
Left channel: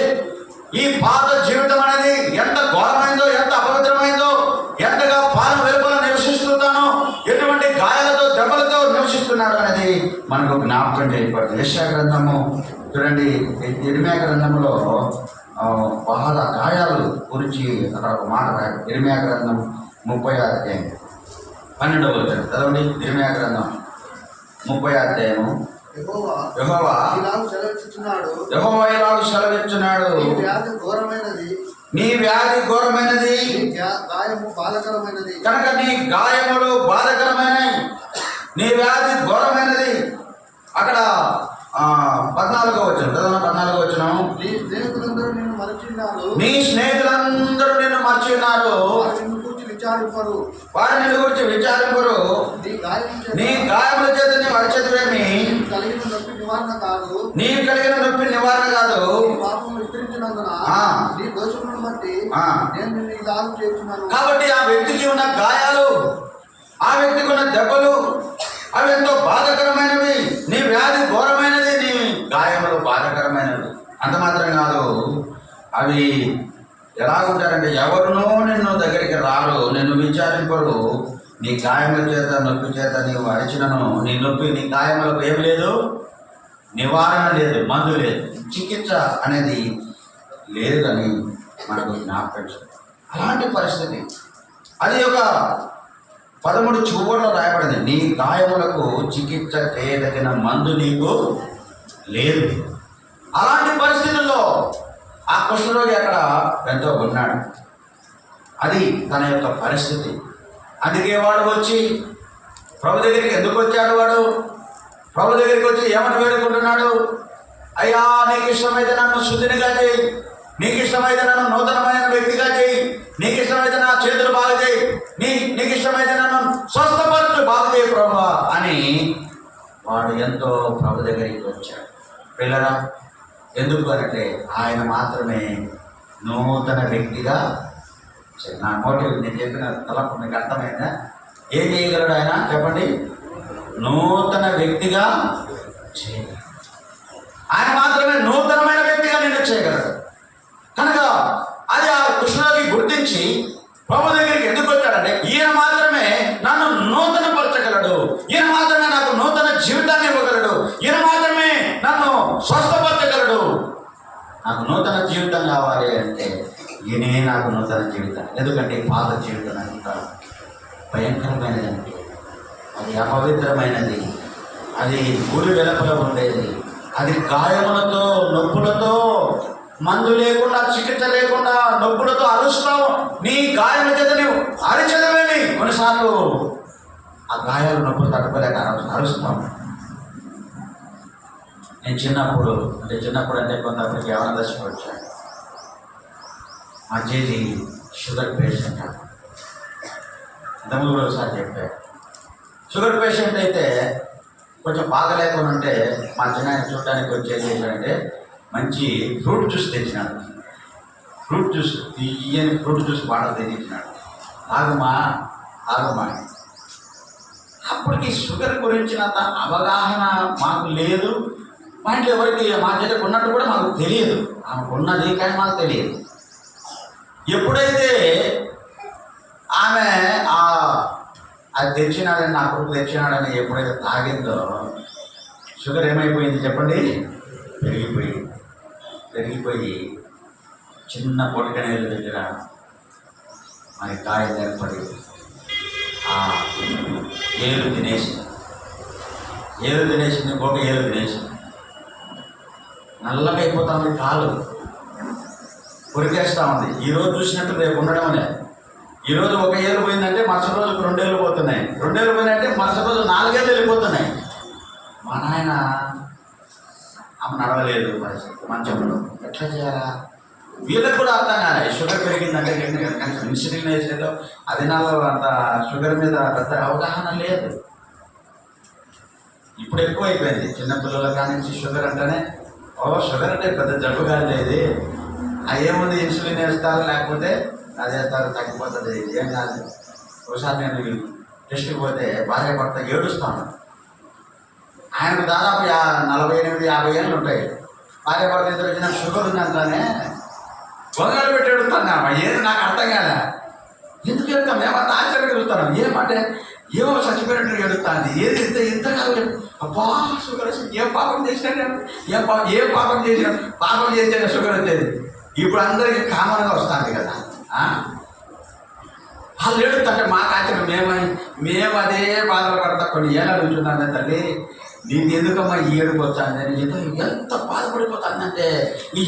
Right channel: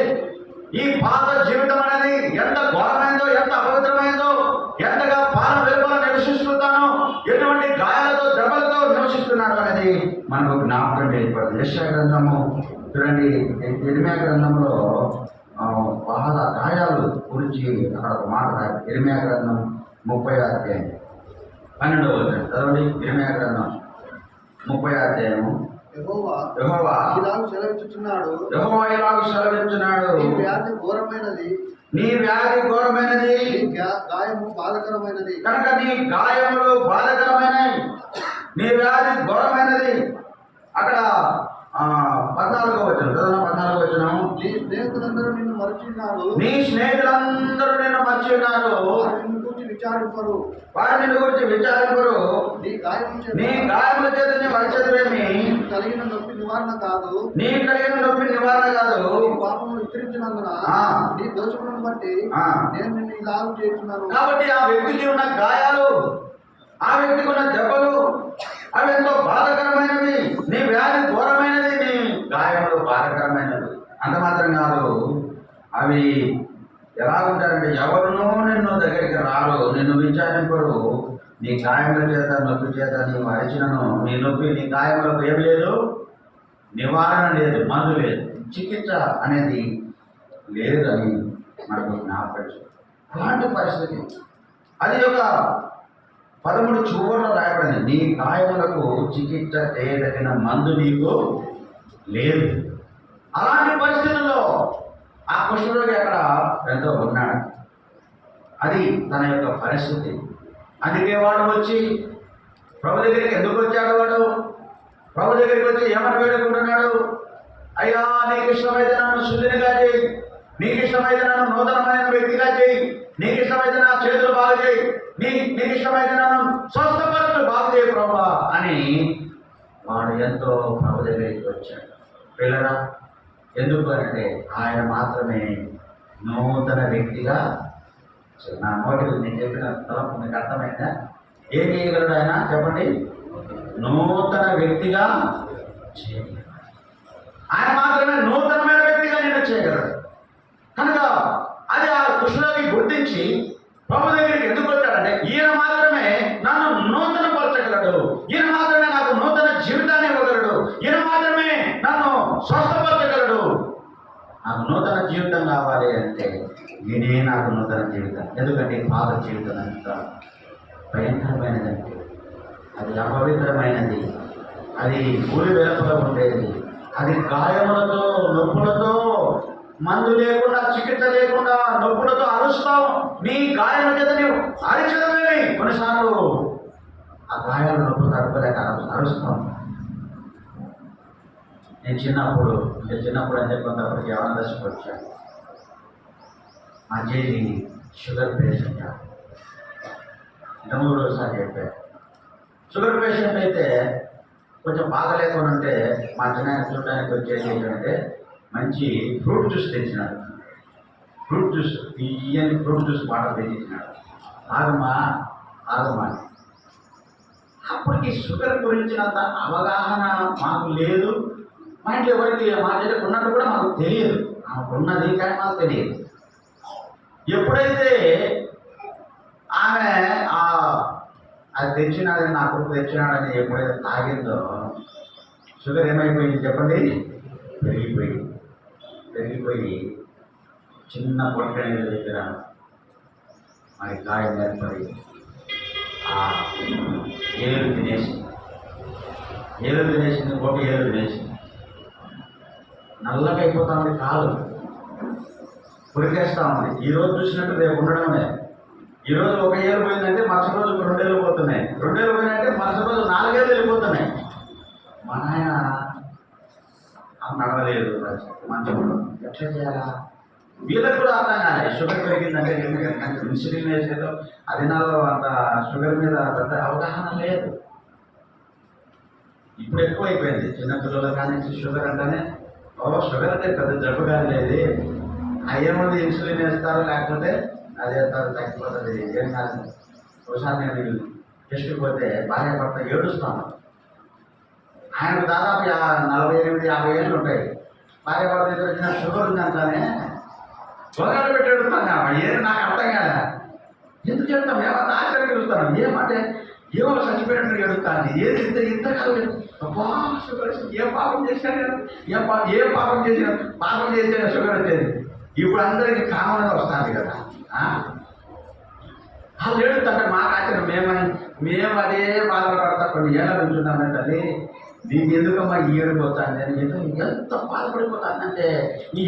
ఈ పాత జీవితం అనేది ఎంత ఘోరమైందో, ఎంత అపవిత్రమైందో, ఎంతగా పాలన వెలుపల నివసిస్తున్నానో, ఎటువంటి గాయాలతో దెబ్బలతో నివసిస్తున్నాడు అనేది మనకు జ్ఞాపకం చేయబడుతుంది. యెషయా గ్రంథము చూడండి, ఇర్మియా గ్రంథంలో బాధ గాయాలు గురించి అక్కడ ఒక మాట రాయాలి. ఇర్మియా గ్రంథం 30వ అధ్యాయం 12వ వచనం చదవండి. ఇర్మియా గ్రంథం 30వ అధ్యాయము యెహోవా యెహోవా ఇలాగ సెలవిస్తున్నాడు, యెహోవా ఇలాగ సెలవిస్తున్నాడు, నీ వ్యాధి ఘోరమైనది, నీ వ్యాధి ఘోరమైనది, నీ గాయము బాధకరమైనది. కనుక నీ గాయములు బాధకరమైనవి, నీ వ్యాధి ఘోరమైనది. అక్కడ 14వ వచనం చదవనా? 14వ వచనం, నీ స్నేహితులందరూ నిన్ను మరచిన్నారు, నీ స్నేహితులందరూ నిన్ను మర్చిన్నారు, వారు నిన్ను గురించి విచారింపరు, వారు నిన్ను గురించి విచారింపరు. నీ నీ గాయముల చేత నీ వరచేతులేమి, కలిగిన నొప్పి నివారణ కాదు, నీ కలిగిన నొప్పి నివారణ కాదు. నీ పాపములు విస్తరించినందున నీ దోషములను బట్టి నేను నిన్ను ఇలాగ చేస్తున్నాను. కాబట్టి ఆ వ్యక్తికి ఉన్న గాయాలు, ఆ వ్యక్తికి ఉన్న దెబ్బలు, అవి ఎంతో బాధకరమైనవి. నీ వ్యాధి ఘోరమైనది, నీ గాయములు బాధకరమైనవి. అంత మాత్రం కాదు, అవి ఎలా ఉంటారంటే ఎవరునూ నిన్ను దగ్గరికి రారు, నిన్ను విచారింపరు. నీ గాయముల చేత నొప్పి చేత నీవు అరిచినను, నీ నొప్పి నీ గాయములకు ఏం లేదు, నివారణ లేదు, మందు లేదు, చికిత్స అనేది లేదని మనకు జ్ఞాపకం. అలాంటి పరిస్థితి అది ఒక 13 చివర్లో రాయబడింది. నీ గాయములకు చికిత్స చేయదగిన మందు నీకు లేదు. అలాంటి పరిస్థితుల్లో ఆ కుష్ఠరోగి అక్కడ ఎంతో ఉన్నాడు. అది తన యొక్క పరిస్థితి. అందుకే వాడు వచ్చి ప్రభు దగ్గరికి ఎందుకు వచ్చాడు? వాడు ప్రభు దగ్గరికి వచ్చి ఏమని వేడుకుంటున్నాడు? అయ్యా, నీకు ఇష్టమైతే నన్ను శుద్ధినిగా చేయి, నీకు ఇష్టమైతే నన్ను నూతనమైన వ్యక్తిగా చేయి, నీకు ఇష్టమైతే నా చేతులు బాగు చేయి, నీకు ఇష్టమైతే నన్ను స్వస్థపరచు, బాగు చేయి ప్రభువా అని వాడు ఎంతో ప్రభు దగ్గరికి వచ్చాడు. పిల్లరా, ఎందుకు అంటే ఆయన మాత్రమే నూతన వ్యక్తిగా. నా మోటివ్ నేను చెప్పిన తలపు మీకు అర్థమైందా? ఏం చేయగలడు ఆయన? చెప్పండి. నూతన వ్యక్తిగా చేయగలడు. ఆయన మాత్రమే నూతనమైన వ్యక్తిగా నిన్ను చేయగలడు. కనుక అది ఆ కృష్ణుడికి గుర్తించి ప్రభు దగ్గరికి ఎందుకు వచ్చాడంటే ఈయన మాత్రమే నన్ను నూతన పరచగలడు, ఈయన మాత్రమే నాకు నూతన జీవితాన్ని ఇవ్వగలడు, ఈయన మాత్రమే నన్ను స్వస్థపరచగలడు. నాకు నూతన జీవితం కావాలి అంటే ఈయనే నాకు నూతన జీవితం. ఎందుకంటే పాత జీవితం అంత భయంకరమైనదంటే అది అపవిత్రమైనది, అది ఊరి వెలుపల ఉండేది, అది గాయములతో నొప్పులతో, మందు లేకుండా, చికిత్స లేకుండా, నొప్పులతో అరుస్తాం. నీ గాయాల చేత నీవు అరిచదమేమి. కొన్నిసార్లు ఆ గాయాల నొప్పులు తట్టుకోలేక అరుస్తాం. నేను చిన్నప్పుడు అంటే కొంతమందికి యవన దశకు వచ్చాను. మా జేజీ షుగర్ పేషెంట్. ఇంతకుముందు ఒకసారి చెప్పాను. షుగర్ పేషెంట్ అయితే కొంచెం బాగలేకుండా ఉంటే మా చిన్న చూడడానికి వచ్చి ఏం చేశాడంటే మంచి ఫ్రూట్ జ్యూస్ తెచ్చినాడు. ఫ్రూట్ జ్యూస్, తీయని ఫ్రూట్ జ్యూస్ బాటలు తెచ్చినాడు. ఆగమా అప్పటికి షుగర్ గురించినంత అవగాహన మాకు లేదు. మా ఇంట్లో ఎవరికి, మా చెల్లికి ఉన్నట్టు కూడా మాకు తెలియదు. ఆమెకు ఉన్నది కానీ మాకు తెలియదు. ఎప్పుడైతే ఆమె అది తెచ్చినాడని, నా కొడుకు తెచ్చినాడని ఎప్పుడైతే తాగిందో షుగర్ ఏమైపోయింది చెప్పండి? పెరిగిపోయి చిన్న పొడికనేళ్ళ దగ్గర మరి గాయం ఏర్పడి ఆ ఏలు తినేసింది, ఇంకొక ఏలు తినేసింది. నల్లగా అయిపోతా ఉంది, కాలు కొరికేస్తూ ఉంది. ఈరోజు చూసినట్టు రేపు ఉండడమే. ఈరోజు ఒక ఏళ్ళు పోయిందంటే మరుసటి రోజుకు 2 ఏళ్ళు పోతున్నాయి, 2 ఏళ్ళు పోయినాయంటే మరుసటి రోజు 4 ఏళ్ళు వెళ్ళిపోతున్నాయి. మా నాయన ఆమె నడవలేదు, మంచంలో ఎట్లా చేయాలా? వీళ్ళకి కూడా అర్థం కాలే. షుగర్ పెరిగిందంటే కనీసం ఇన్సులిన్ వేసేదో అది నాలో అంత షుగర్ మీద పెద్ద అవగాహన లేదు. ఇప్పుడు ఎక్కువ అయిపోయింది చిన్నపిల్లల కానించి షుగర్ అంటేనే షుగర్ అంటే పెద్ద జబ్బు కానీ లేదు, ఏముంది ఇన్సులిన్ వేస్తారు, లేకపోతే అదేస్తారు, తగ్గిపోతుంది, ఏం కాదు. ఒకసారి నేను టెస్ట్కి పోతే భార్య భర్త ఏడుస్తాను. ఆయనకు దాదాపు 48-50 ఏళ్ళు ఉంటాయి. భార్య భర్త ఇద్దరు వచ్చిన షుగర్ ఉందంటానే బొంగాలు పెట్టి ఎడుతాను. ఏది నాకు అర్థం కాదా? ఎందుకు ఎడతాం? ఏమన్నా ఆశ్చర్యం ఎడుతాను. ఏమంటే ఏమో చచ్చిపోయినట్టు ఎడుతుంది. ఏది ఇంత కాదు. అబ్బా షుగర్ వచ్చింది, ఏం పాపం చేసినా, ఏం పాపం చేసినా షుగర్ వచ్చేది. ఇప్పుడు అందరికీ కామన్గా వస్తుంది కదా. వాళ్ళు ఏడుతుంటే మాకు ఆశ్చర్యం. మేము అదే బాధలు పడతా కొన్ని ఏళ్ళ నుంచి ఉన్నామే తల్లి. దీన్ని ఎందుకమ్మా ఈ ఏడుపు వచ్చాను ఏదో ఎంత బాధపడిపోతానంటే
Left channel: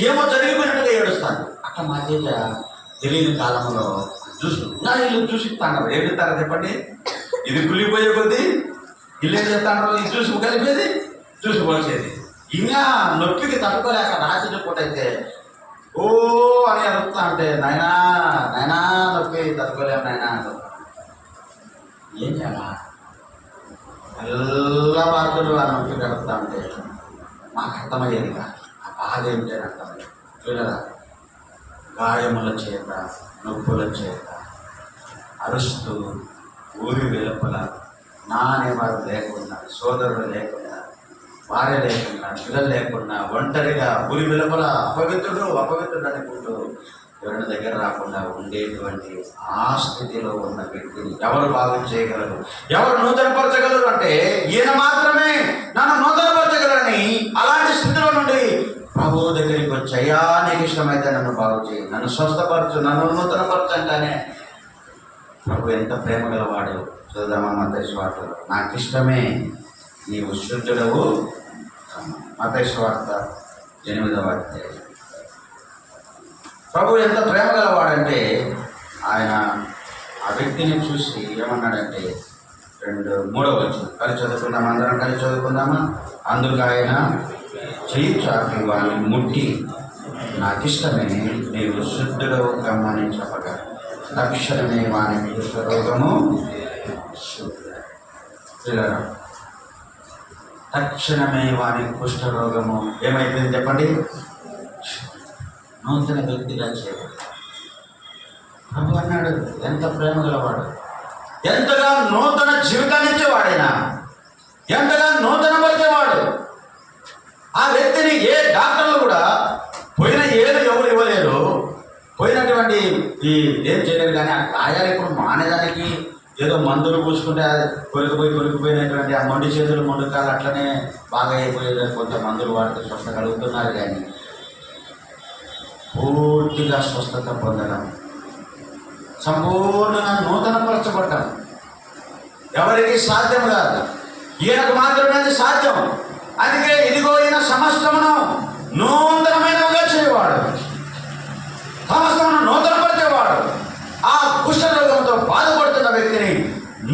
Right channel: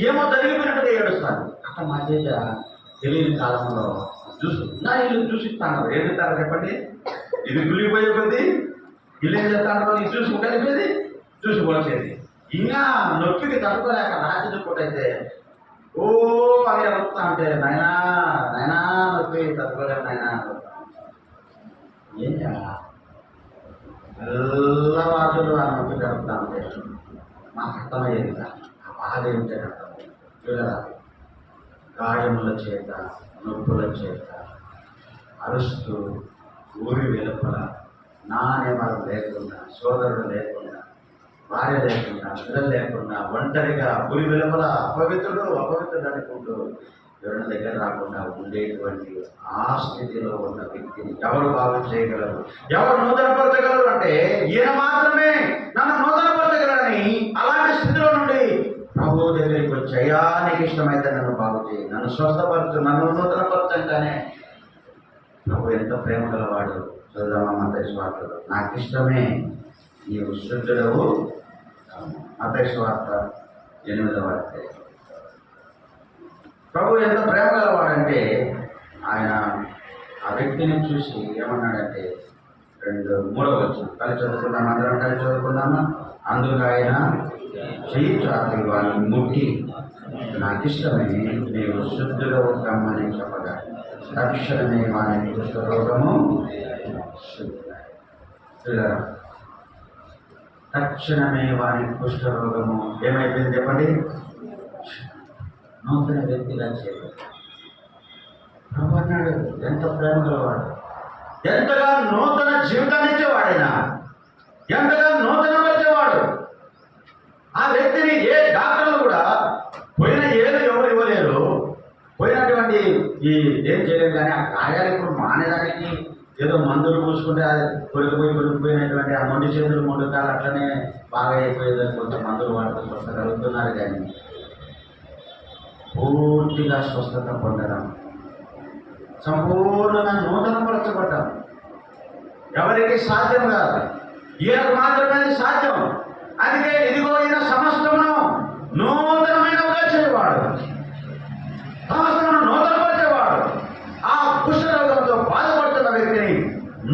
ఏమో జరిగిపోయినట్టుగా ఏడుస్తాను. అట్లా మా తేజ తెలియని కాలంలో నా ఇల్లు చూసిస్తాను. ఏం చెప్తారో చెప్పండి, ఇది కులిపోయే కొద్దీ ఇల్లు ఏం చెప్తాను, ఇది చూసి కలిపేది చూసిపోసేది. ఇంకా నొప్పికి తట్టుకోలేక రాత్రి పూట అయితే ఓ అని అడుగుతా అంటే నాయనా నాయనా నొప్పి తట్టుకోలేము నాయనా ఏం చేయాలా. తెల్లవారులు ఆ నొప్పి కలుపుతా ఉంటే మాకు అర్థమయ్యేది కాదు. ఆ బాధ ఏంటని అర్థమయ్యేది. చూడరా, గాయముల చేత నొప్పుల చేత అరుస్తూ ఊరి వెలుపల నా అనేవారు లేకుండా, సోదరుడు లేకుండా, భార్య లేకుండా, పిల్లలు లేకుండా, ఒంటరిగా ఊరి వెలుపల అపవిత్రుడు అనుకుంటూ ఎవరి దగ్గర రాకుండా ఉండేటువంటి ఆ స్థితిలో ఉన్న వ్యక్తిని ఎవరు బాగు చేయగలరు, ఎవరు నూతనపరచగలరు అంటే ఈయన మాత్రమే నన్ను నూతనపరచగలరని అలాంటి స్థితిలో నుండి ప్రభు దగ్గరికి వచ్చి, అయ్యా నీకు ఇష్టమైతే నన్ను బాగు చేయి, నన్ను స్వస్థపరచు, నన్ను నూతనపరచంటానే ప్రభు ఎంత ప్రేమ గలవాడు. చూద్దామా మత్తయి సువార్తలో, నాకు ఇష్టమే నీవు శుద్ధుడవు. మత్తయి సువార్త 8వ అధ్యాయం. ప్రభు ఎంత ప్రేమ గలవాడంటే ఆయన ఆ వ్యక్తిని చూసి ఏమన్నాడంటే 3వ వచనం కలిసి చదువుకుందామా, అందరం కలిసి చదువుకుందామా. అందుకు ఆయన చెయ్యి చాపి వాడిని ముట్టి, నాకు ఇష్టమే నీవు శుద్ధుడవు కమ్మని చెప్పగా తక్షణమే వాని కుష్ఠరోగము శుద్ధుడు. తక్షణమే వాని కుష్ఠరోగము ఏమైపోయింది చెప్పండి, నూతన వ్యక్తిగా చేయబడి. ప్రభు అన్నాడు ఎంత ప్రేమ గలవాడు, ఎంతగా నూతన జీవితాన్ని ఇచ్చేవాడైనా, ఎంతగా నూతన పరిచేవాడు. ఆ వ్యక్తిని ఏ డాక్టర్లు కూడా పోయిన ఏళ్ళు ఎవరు ఇవ్వలేరు, పోయినటువంటి ఈ ఏం చేయలేదు. కానీ ఆ గాయాలు ఇప్పుడు మానేదానికి ఏదో మందులు పూసుకుంటే అది కొరికిపోయినటువంటి ఆ మొండి చేతులు మొండి కాళ్ళు అట్లనే బాగా అయిపోయేదని కొంత మందులు వాడితే స్వస్థ కలుగుతున్నారు. కానీ పూర్తిగా స్వస్థత పొందడం, సంపూర్ణంగా నూతనపరచబడ్డం ఎవరికి సాధ్యం కాదు, ఈయనకు మాత్రమే అది సాధ్యం. అందుకే ఇదిగో ఈయన సమస్తమును నూతనమైనవిగా చేయవాడు, సమస్తమును నూతనపరిచేవాడు. ఆ కుష్ఠరోగంతో బాధపడుతున్న వ్యక్తిని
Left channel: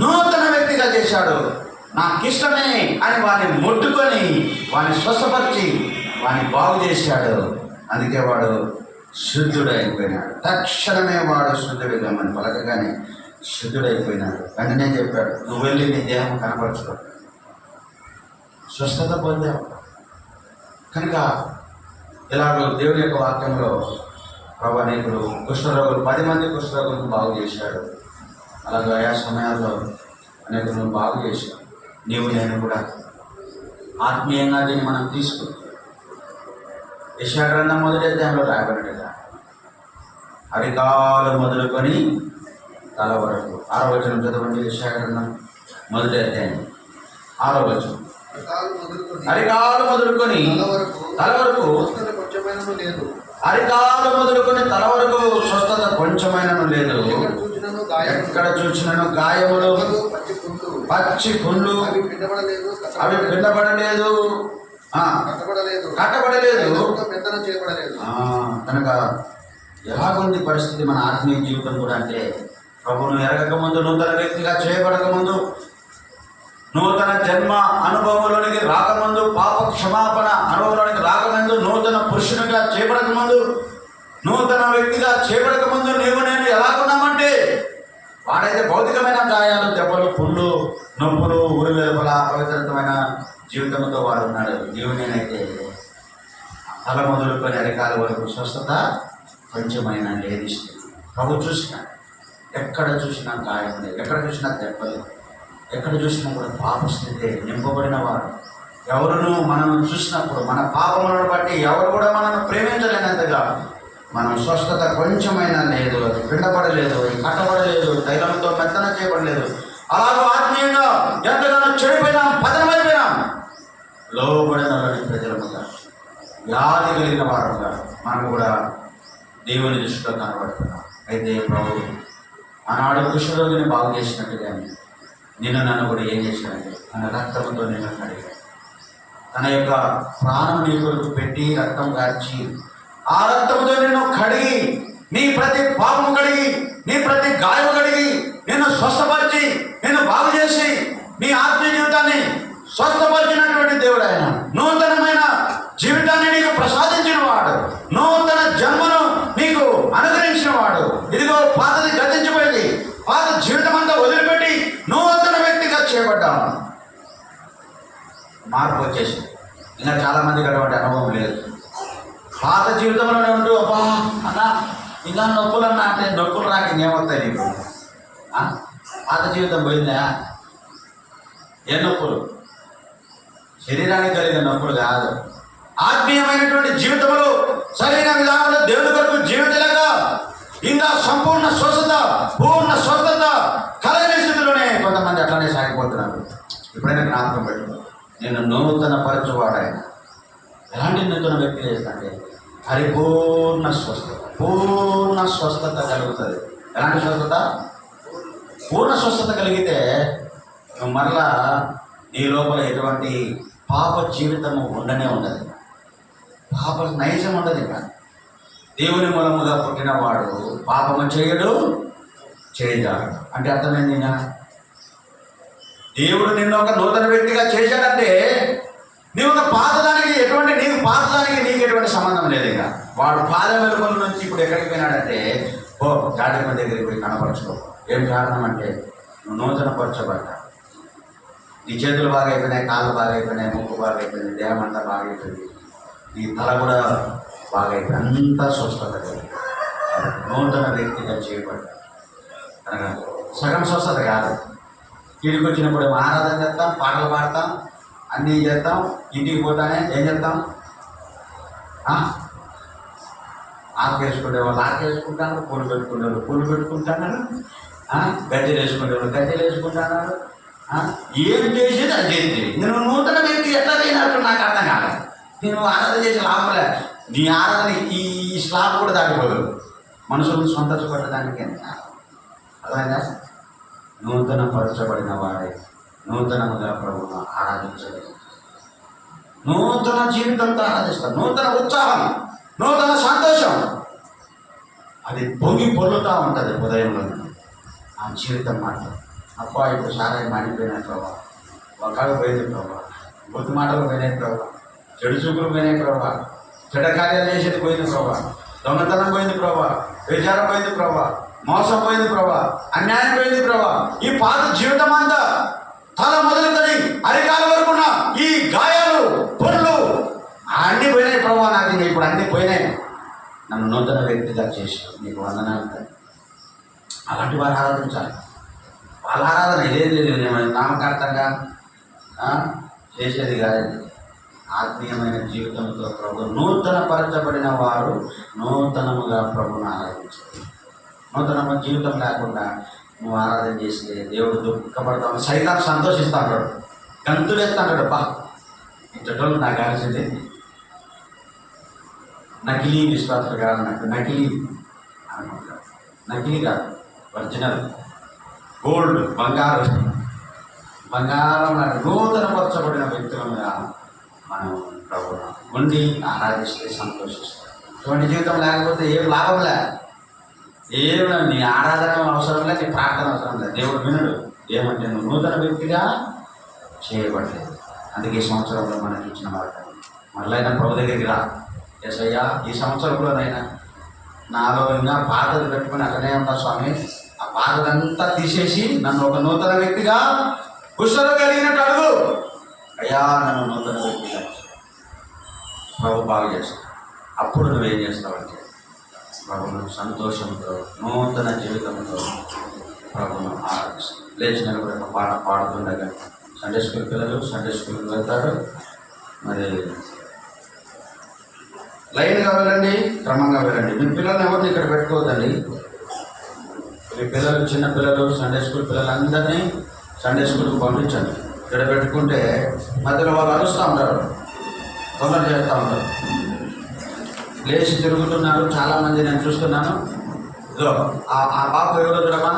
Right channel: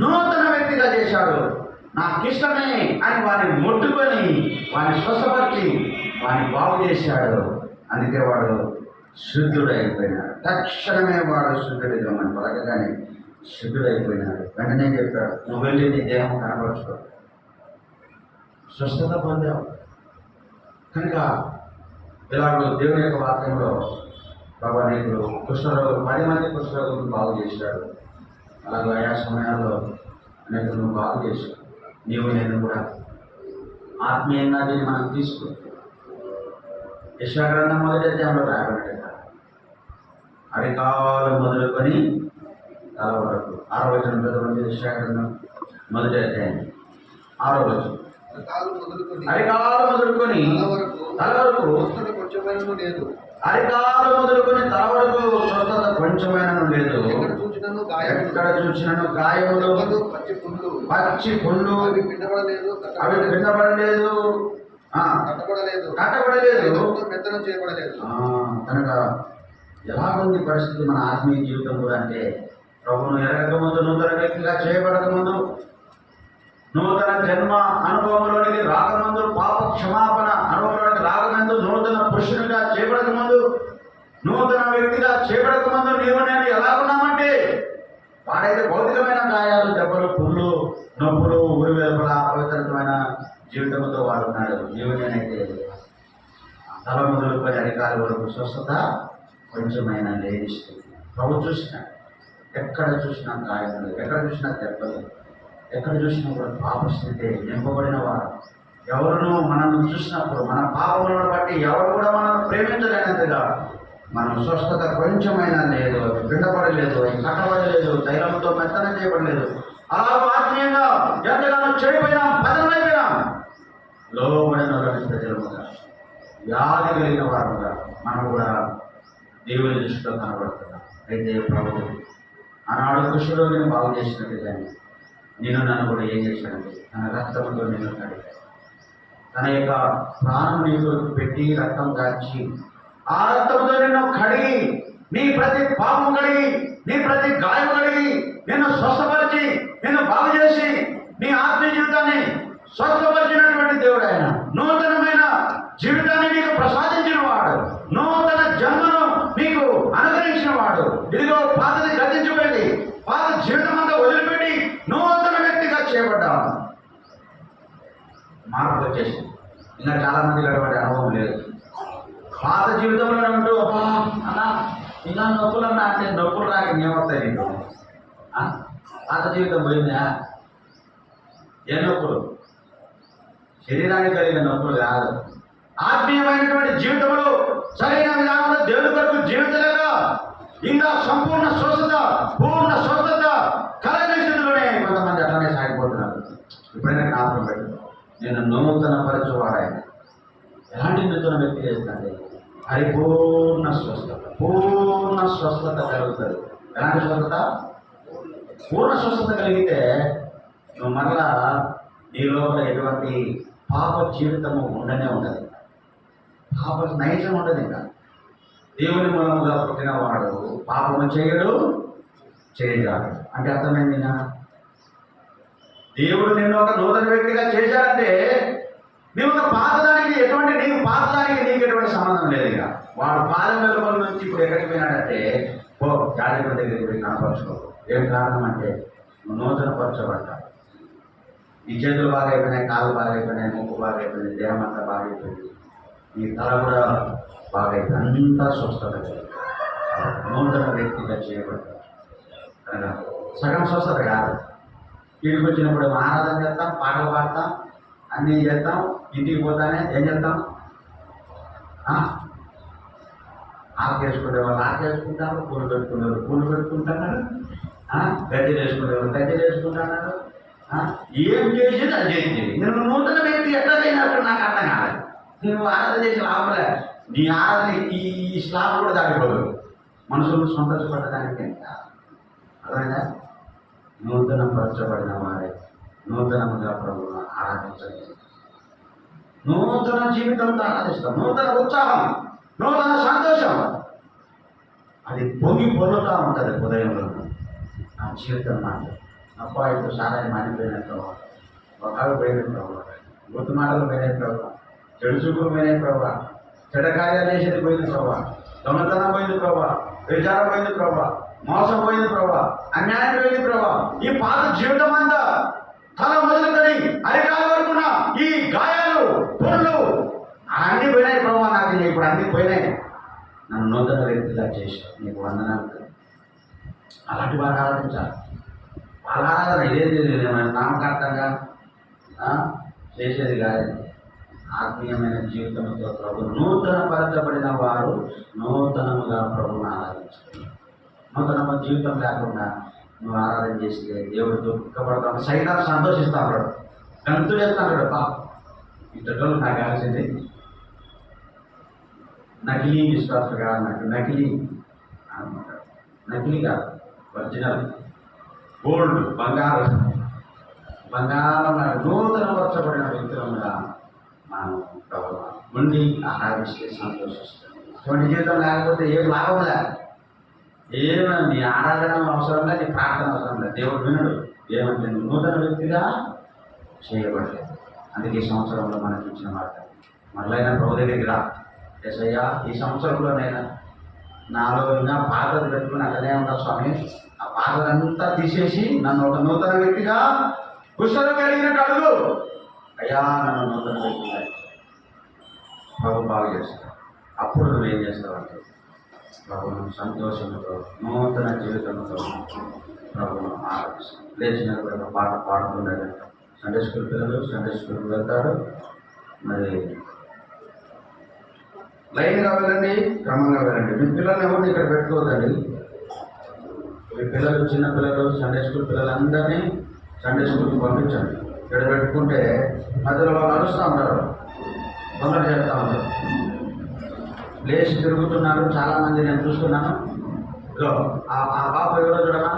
నూతన వ్యక్తిగా చేశాడు. నాకు ఇష్టమే అని వాడిని ముట్టుకొని వాడిని స్వస్థపరిచి వాడిని బాగు చేశాడు. అందుకే వాడు శుద్ధుడైపోయినాడు. తక్షణమే వాడు శుద్ధుడిద్దామని పలకగానే శుద్ధుడైపోయినాడు. వెంటనే చెప్పాడు, నువ్వు వెళ్ళి నీ దేహం కనపరచుకో. స్వస్థత పొందావు. కనుక ఇలాగో దేవుని యొక్క వాక్యంలో ప్రభు అనేకులు కుష్ఠరోగులు 10 మంది కుష్ఠరోగులను బాగు చేశాడు. అలాగే ఆయా సమయాల్లో అనేకులను బాగు చేశాడు. నీవు నేను కూడా ఆత్మీయంగా దీన్ని మనం తీసుకుంటాం. యెషయా గ్రంథం 1వ అధ్యాయంలో రాబడినట్టుగా అరికాలు మొదలుకొని తల వరకు 6వ వచనం చదవండి. యెషయా గ్రంథం 1వ అధ్యాయం 6వ వచనం. అరికాలు మొదలుకొని తల వరకు కొంచెమైనను లేదు, అరికాలు మొదలుకొని తల వరకు స్వస్థత కొంచెమైనను లేదు. ఎక్కడ చూసినను గాయములు, పచ్చి పుండ్లు, అవి పిండబడలేదు, కట్టబడలేదు, కనుక ఎలాగుంది పరిస్థితి మన ఆత్మీయ జీవితం కూడా అంటే, ప్రభును ఎరగక ముందు, నూతన వ్యక్తిగా చేయబడక ముందు, నూతన జన్మ అనుభవంలోనికి రాకముందు, పాప క్షమాపణ అనుభవంలోనికి రాకముందు, నూతన పురుషునిగా చేయబడక ముందు, నూతన వ్యక్తిగా చేయబడక ముందు నీవు నేను ఎలాగున్నామంటే, వాడైతే భౌతికమైన గాయాలు, దెబ్బలు, పుండ్లు, నొప్పులు, ఊరి వెలుపల అపవిత్రమైన జీవితంతో వాడు ఉన్నాడు. నీవు నేనైతే తల మొదలుకొని అరికాల వరకు స్వస్థత కొంచెమైనా లేదిస్తుంది. ప్రభు చూసినా ఎక్కడ చూసినా గాయములే, ఎక్కడ చూసినా దెబ్బలు, ఎక్కడ చూసినా కూడా పాపస్థితి నింపబడిన వారు. ఎవరును మనల్ని చూసినప్పుడు మన పాపములను బట్టి ఎవరు కూడా మనల్ని ప్రేమించలేనంతగా మనం స్వస్థత కొంచెమైనా లేదు, అది పిండపడలేదు, అది కట్టబడలేదు, తైలంతో మెత్తన చేయబడలేదు. అలాగే ఆత్మీయంగా ఎంతగానో చెడిపోయినాం, పతనమైపోయినాం. లోబడిన ప్రజలముగా, వ్యాధి కలిగిన వారుగా మనం కూడా దేవుని దృష్టిలో కనబడుతున్నాం. అయితే ప్రభు ఆనాడు కుష్ఠరోగిని బాగు చేసినట్టుగానే నిన్ను నన్ను కూడా ఏం చేశాడంటే తన రక్తంతో నిన్ను కడిగాడు. తన యొక్క ప్రాణం నీ కొరకు పెట్టి రక్తం కాచి ఆ రక్తంతో నిన్ను కడిగి నీ ప్రతి పాపము కడిగి నీ ప్రతి గాయము కడిగి నిన్ను స్వస్థపరిచి నిన్ను బాగు చేసి నీ ఆత్మీయ జీవితాన్ని స్వస్థపరిచినటువంటి దేవుడు ఆయన. నూతనమైన జీవితాన్ని నీకు ప్రసాదించిన వాడు, నూతన జన్మను నీకు అనుగ్రహించిన వాడు. ఇదిగో పాతది గతించిపోయింది, పాత జీవితం అంతా వదిలిపెట్టి నూతన వ్యక్తిగా చేయబడ్డావు. మార్పు వచ్చేసింది. ఇంకా చాలా మందికి అటువంటి అనుభవం లేదు. పాత జీవితంలోనే ఉంటూ అబ్బా అన్నా ఇలా నొప్పులు అన్నా అంటే నొప్పులు రాక ఏమవుతాయి నీకు? పాత జీవితం పోయిందా? ఏ నొప్పులు? శరీరానికి కలిగిన నొప్పులు కాదు. ఆత్మీయమైనటువంటి జీవితంలో సరైన విధానంలో దేవుడి కొరకు జీవించలేక ఇంకా సంపూర్ణ స్వస్థత, పూర్ణ స్వస్థత కలగని స్థితిలోనే కొంతమంది అట్లానే సాగిపోతున్నారు. ఎప్పుడైనా జ్ఞాపకం పెట్టు, నేను నూతన పరచువాడాయన. ఎలాంటి నూతన వ్యక్తి చేస్తానంటే పరిపూర్ణ స్వస్థత, పూర్ణ స్వస్థత కలుగుతుంది. ఎలాంటి స్వస్థత? పూర్ణ స్వస్థత కలిగితే నువ్వు మరలా నీ లోపల ఎటువంటి పాప జీవితము ఉండనే ఉండదు, పాప నైజం ఉండదు. ఇంకా దేవుని మూలముగా పుట్టినవాడు పాపము చేయడు, చేయజాడు. అంటే అర్థమైంది. దేవుడు నిన్ను ఒక నూతన వ్యక్తిగా చేశాడంటే నీవు ఒక పాతదానికి నీకు పాతదానికి నీకు ఎటువంటి సంబంధం లేదు. ఇంకా వాడు పాద వెలుగుల నుంచి ఇప్పుడు ఎక్కడికి పోయినాడంటే జాగ్రత్త దగ్గరికి పోయి కనపరచుకో. ఏం కారణం అంటే నువ్వు నూతన పరచబడ్డా. నీ చేతులు బాగా అయిపోయినాయి, కాళ్ళు బాగా అయిపోయినాయి, ముక్కు బాగా అయిపోయింది, దేహం అంతా బాగా అయిపోయింది, నీ తల కూడా బాగా అయిపోయింది, అంతా స్వస్థత కలిగి నూతన వ్యక్తిగా చేయబడ్డా. అనగా సగం స్వస్థత కాదు. ఇంటికి వచ్చినప్పుడు ఆరాధన చేస్తాం, పాటలు పాడతాం, అన్నీ చేస్తాం. ఇంటికి పోతానే ఏం చేస్తాం? ఆకేసుకునే వాళ్ళు ఆకేసుకుంటారు, పూలు పెట్టుకునేవాళ్ళు పూలు పెట్టుకుంటున్నారు, గద్దెలు వేసుకునేవాళ్ళు గద్దెలు వేసుకుంటున్నారు. ఏం చేసేది అది చేసి నేను నూతన వ్యక్తి ఎట్లా చేయనట్టు నాకు అర్థం కాలేదు. నేను ఆరాధన చేసి లాభలే. నీ ఆరాధన ఈ స్లాబ్ కూడా దాటిపోదు. మనుషులను సంతోషపడడానికి అర్థమైందా? నూతన పరచబడిన వారే నూతనముగా ప్రభువును ఆరాధించలేదు. నూతన జీవితంతో ఆరాధిస్తాం. నూతన ఉత్సాహం, నూతన సంతోషం అది పొంగి పొల్లుతూ ఉంటుంది హృదయంలో. ఆ జీవితం మాట అబ్బా ఇప్పుడు సారాయి మాడిపోయినాయి ప్రభావ, ఒకళ్ళు పోయింది ప్రభావ, బుద్ధి మాటలు పోయినాయి ప్రభావ, చెడు చూపులు పోయినాయి ప్రభావ, చెడ్డ కార్యాలు చేసేది పోయింది ప్రభావ, దొంగతనం పోయింది ప్రభావ, విచారం పోయింది ప్రభావ, మోసం పోయింది ప్రభావ, అన్యాయం పోయింది ప్రభావ. ఈ పాత జీవితం అంతా తల మొదలుకొని అరికాల వరకున్న ఈ గాయాలు, పొరులు అన్నీ పోయినాయి ప్రభావ. నాకు ఇప్పుడు అన్నీ పోయినాయి. నన్ను నూతన వ్యక్తిగా చేశావు, నీకు వందనాలు. అలాంటి వారు ఆరాధించాలి. వాళ్ళ ఆరాధన ఇదేది నామకార్థంగా చేసేది కాదు. ఆత్మీయమైన జీవితంతో ప్రభు నూతన పరచబడిన వారు నూతనముగా ప్రభుని ఆరాధించారు. నూతన జీవితం లేకుండా నువ్వు ఆరాధన చేస్తే దేవుడు దుఃఖపడతాడు, సైతాన్ని సంతోషిస్తాడు, గంతులేస్తాడు. బా ఇంతటోళ్ళు నాకు కావాల్సింది నకిలీ విశ్వాసులు కాదు, నాకు నకిలీ అనుకుంటాడు. నకిలీ కాదు, ఒరిజినల్ గోల్డ్, బంగారం నాకు నూతన పరచబడిన వ్యక్తులుగా మనం ప్రభు ఉండి ఆరాధిస్తే సంతోషిస్తాం. అటువంటి జీవితం లేకపోతే ఏం లాభం లే, ఏమైనా నీ ఆరాధన అవసరం లేదు, నీ ప్రార్థన అవసరం లేదు. దేవుడు వినడు. ఏమంటే నువ్వు నూతన వ్యక్తిగా చేయబడలేదు. అందుకే ఈ సంవత్సరంలో మనకి ఇచ్చిన మాట, మళ్ళైనా ప్రభు దగ్గరికి రా. ఎస్ అయ్యా, ఈ సంవత్సరంలోనైనా నాలో ఇంకా పాతది పెట్టుకుని అక్కడే ఉంటా స్వామి, ఆ పాతదంతా తీసేసి నన్ను ఒక నూతన వ్యక్తిగా కుష్ఠరోగం కలిగినట్టు అడుగు. అయ్యా నన్ను నూతన వ్యక్తిగా ప్రభు బాగు చేస్తాడు. అప్పుడు నువ్వేం చేస్తావంటే ప్రభును సంతోషంతో నూతన జీవితంతో ప్రభును ఆరాధిస్తాం. లేచిన ఒక పాట పాడుతుండగా సండే స్కూల్ పిల్లలు సండే స్కూల్కి వెళ్తారు. మరి లైన్గా వెళ్ళండి, క్రమంగా వెళ్ళండి. మీ పిల్లల్ని ఎవరిని ఇక్కడ పెట్టుకోవద్దండి. మీ పిల్లలు, చిన్న పిల్లలు, సండే స్కూల్ పిల్లలందరినీ సండే స్కూల్కి పంపించండి. ఇక్కడ పెట్టుకుంటే మధ్యలో వాళ్ళు అరుస్తూ ఉంటారు, తొందర చేస్తూ ఉంటారు, లేచి తిరుగుతున్నారు. చాలామంది నేను చూస్తున్నాను. ఇదో ఆ బాబు ఎవరో చూడమా,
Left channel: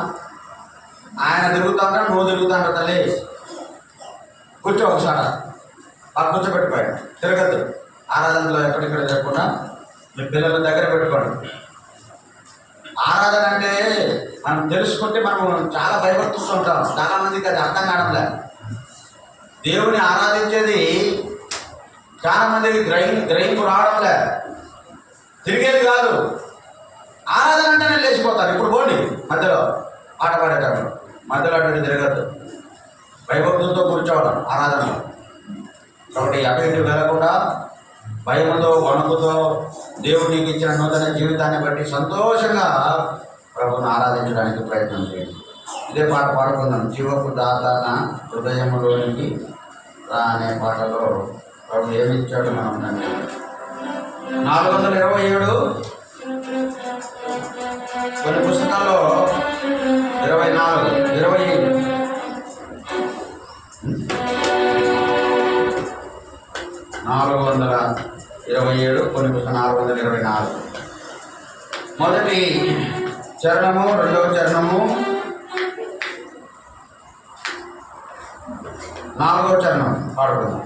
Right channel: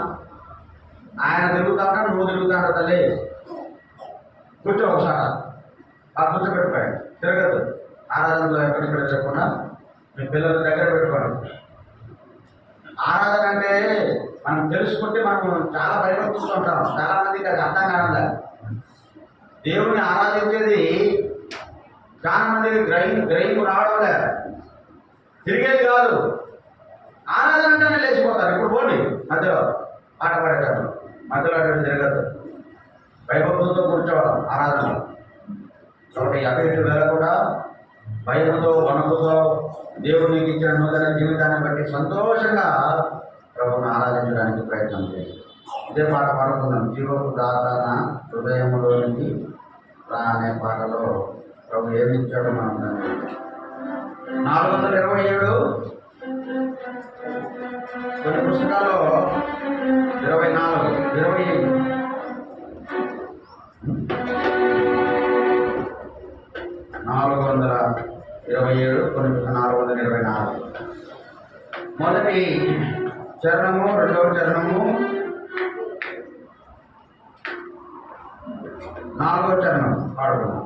ఆయన తిరుగుతా ఉంటాడు, నువ్వు తిరుగుతా ఉంటావు. తల్లి కూర్చో ఒకసారి, ఆ కూర్చోబెట్టిపోయాడు. తిరగద్దు, ఆరాధనలో ఎక్కడిక్కడ చెప్పకుండా మీ పిల్లల దగ్గర పెట్టుకోండి. ఆరాధన అంటే మనం తెలుసుకుంటే మనం చాలా భయపడుతూ ఉంటాం. చాలా మందికి అది అర్థం కావడంలే. దేవుని ఆరాధించేది చాలా మందికి గ్రహింపు రావడంలే, తిరిగేది కాదు. ఆరాధన అంటేనే లేచిపోతారు. ఇప్పుడు పోండి మధ్యలో పాట పాడేటప్పుడు మధ్యలో అటువంటి తిరగద్దు. భయభక్తులతో కూర్చోవడం ఆరాధనలో. కాబట్టి అటు ఇటు వెళ్ళకుండా భయముతో వణుకుతో దేవుడు నీకు ఇచ్చిన నూతన జీవితాన్ని బట్టి సంతోషంగా ప్రభువును ఆరాధించడానికి ప్రయత్నం చేయండి. ఇదే పాట పాడుకుందాం. జీవపు దాత నా హృదయంలోనికి రా అనే పాటలో ప్రభు ఏమి ఇచ్చాడో మనం దాన్ని 427 కొన్ని పుస్తకాల్లో 24 427 కొన్ని పుస్తకాలు 424. మొదటి చరణము, రెండవ చరణము, 4వ చరణం పాడుకుందాం.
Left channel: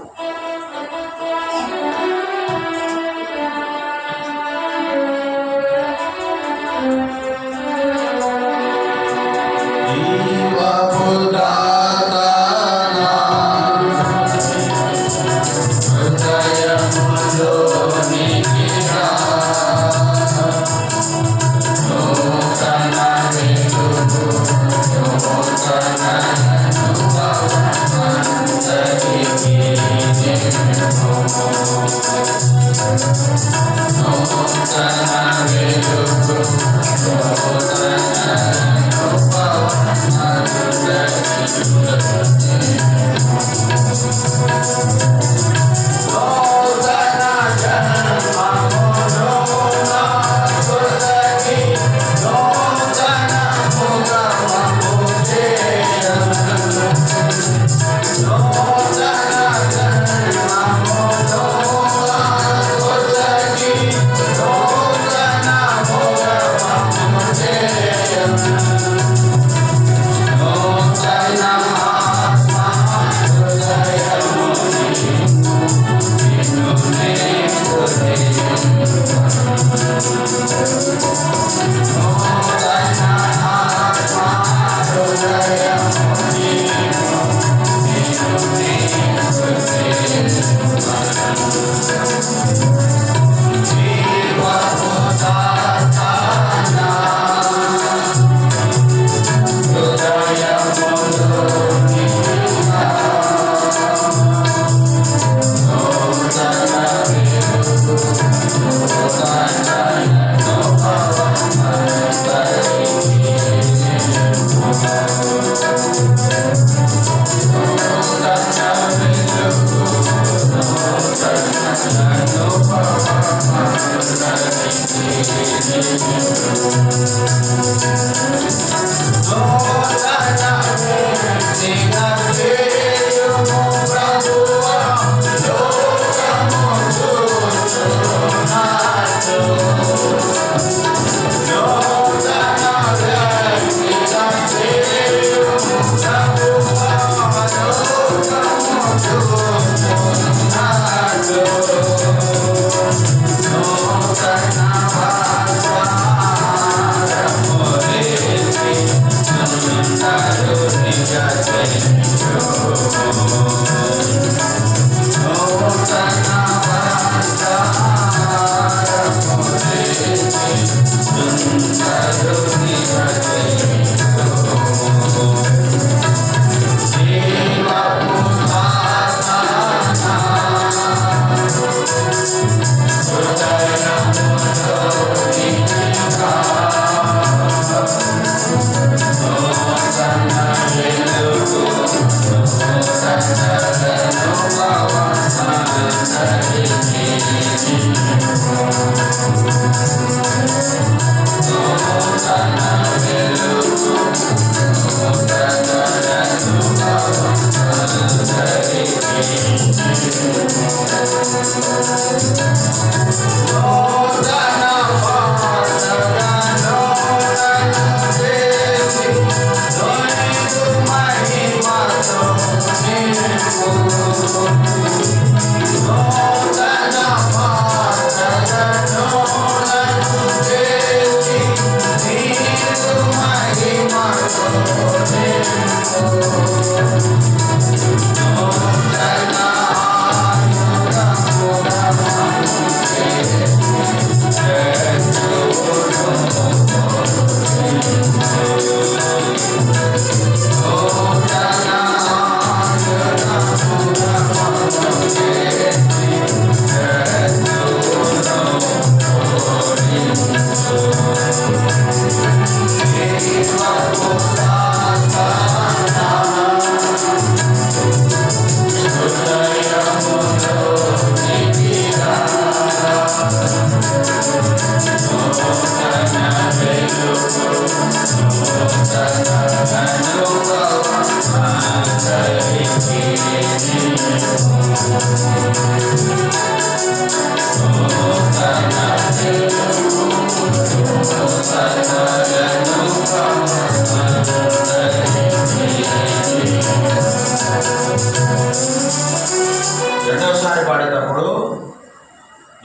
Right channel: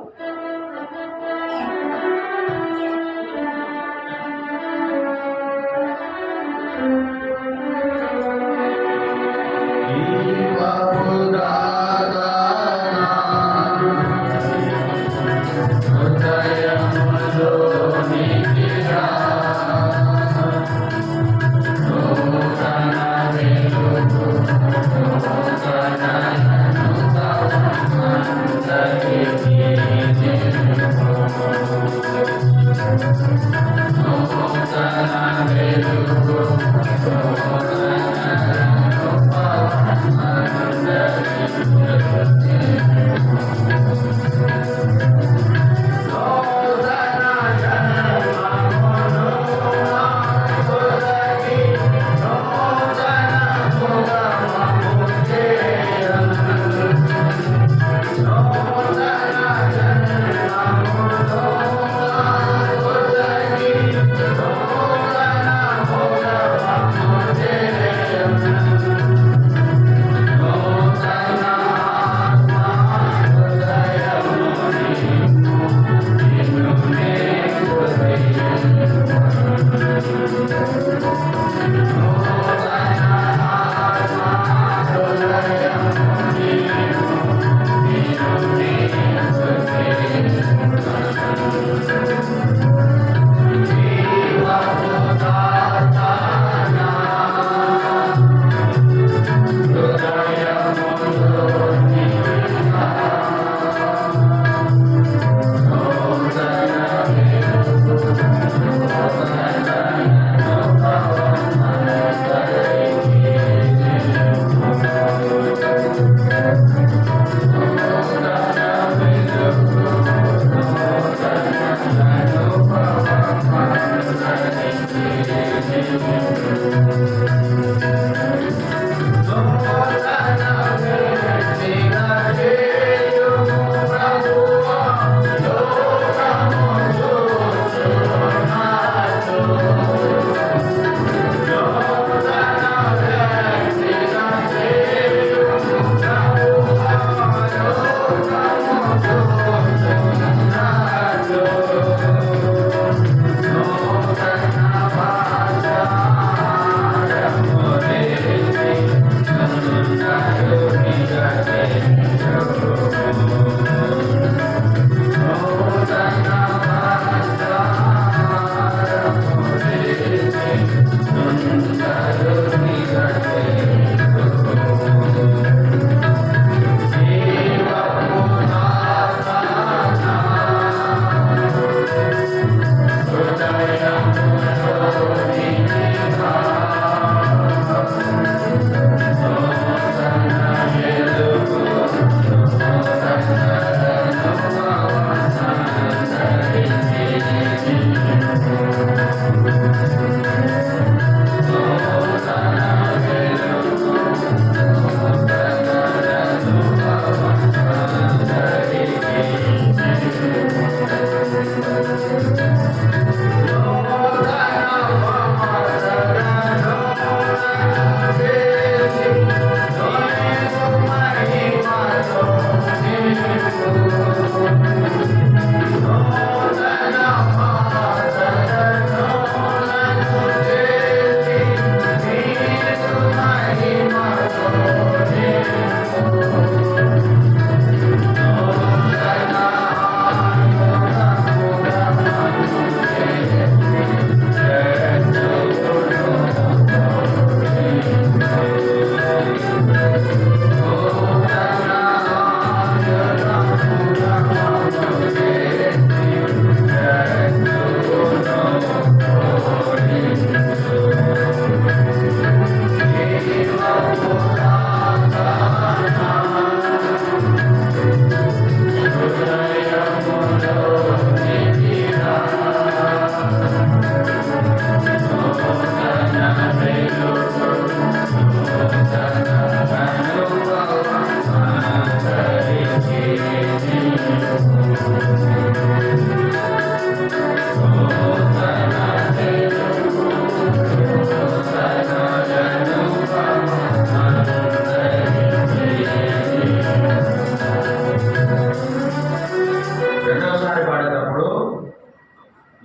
రెండోసారి పాడేటప్పుడు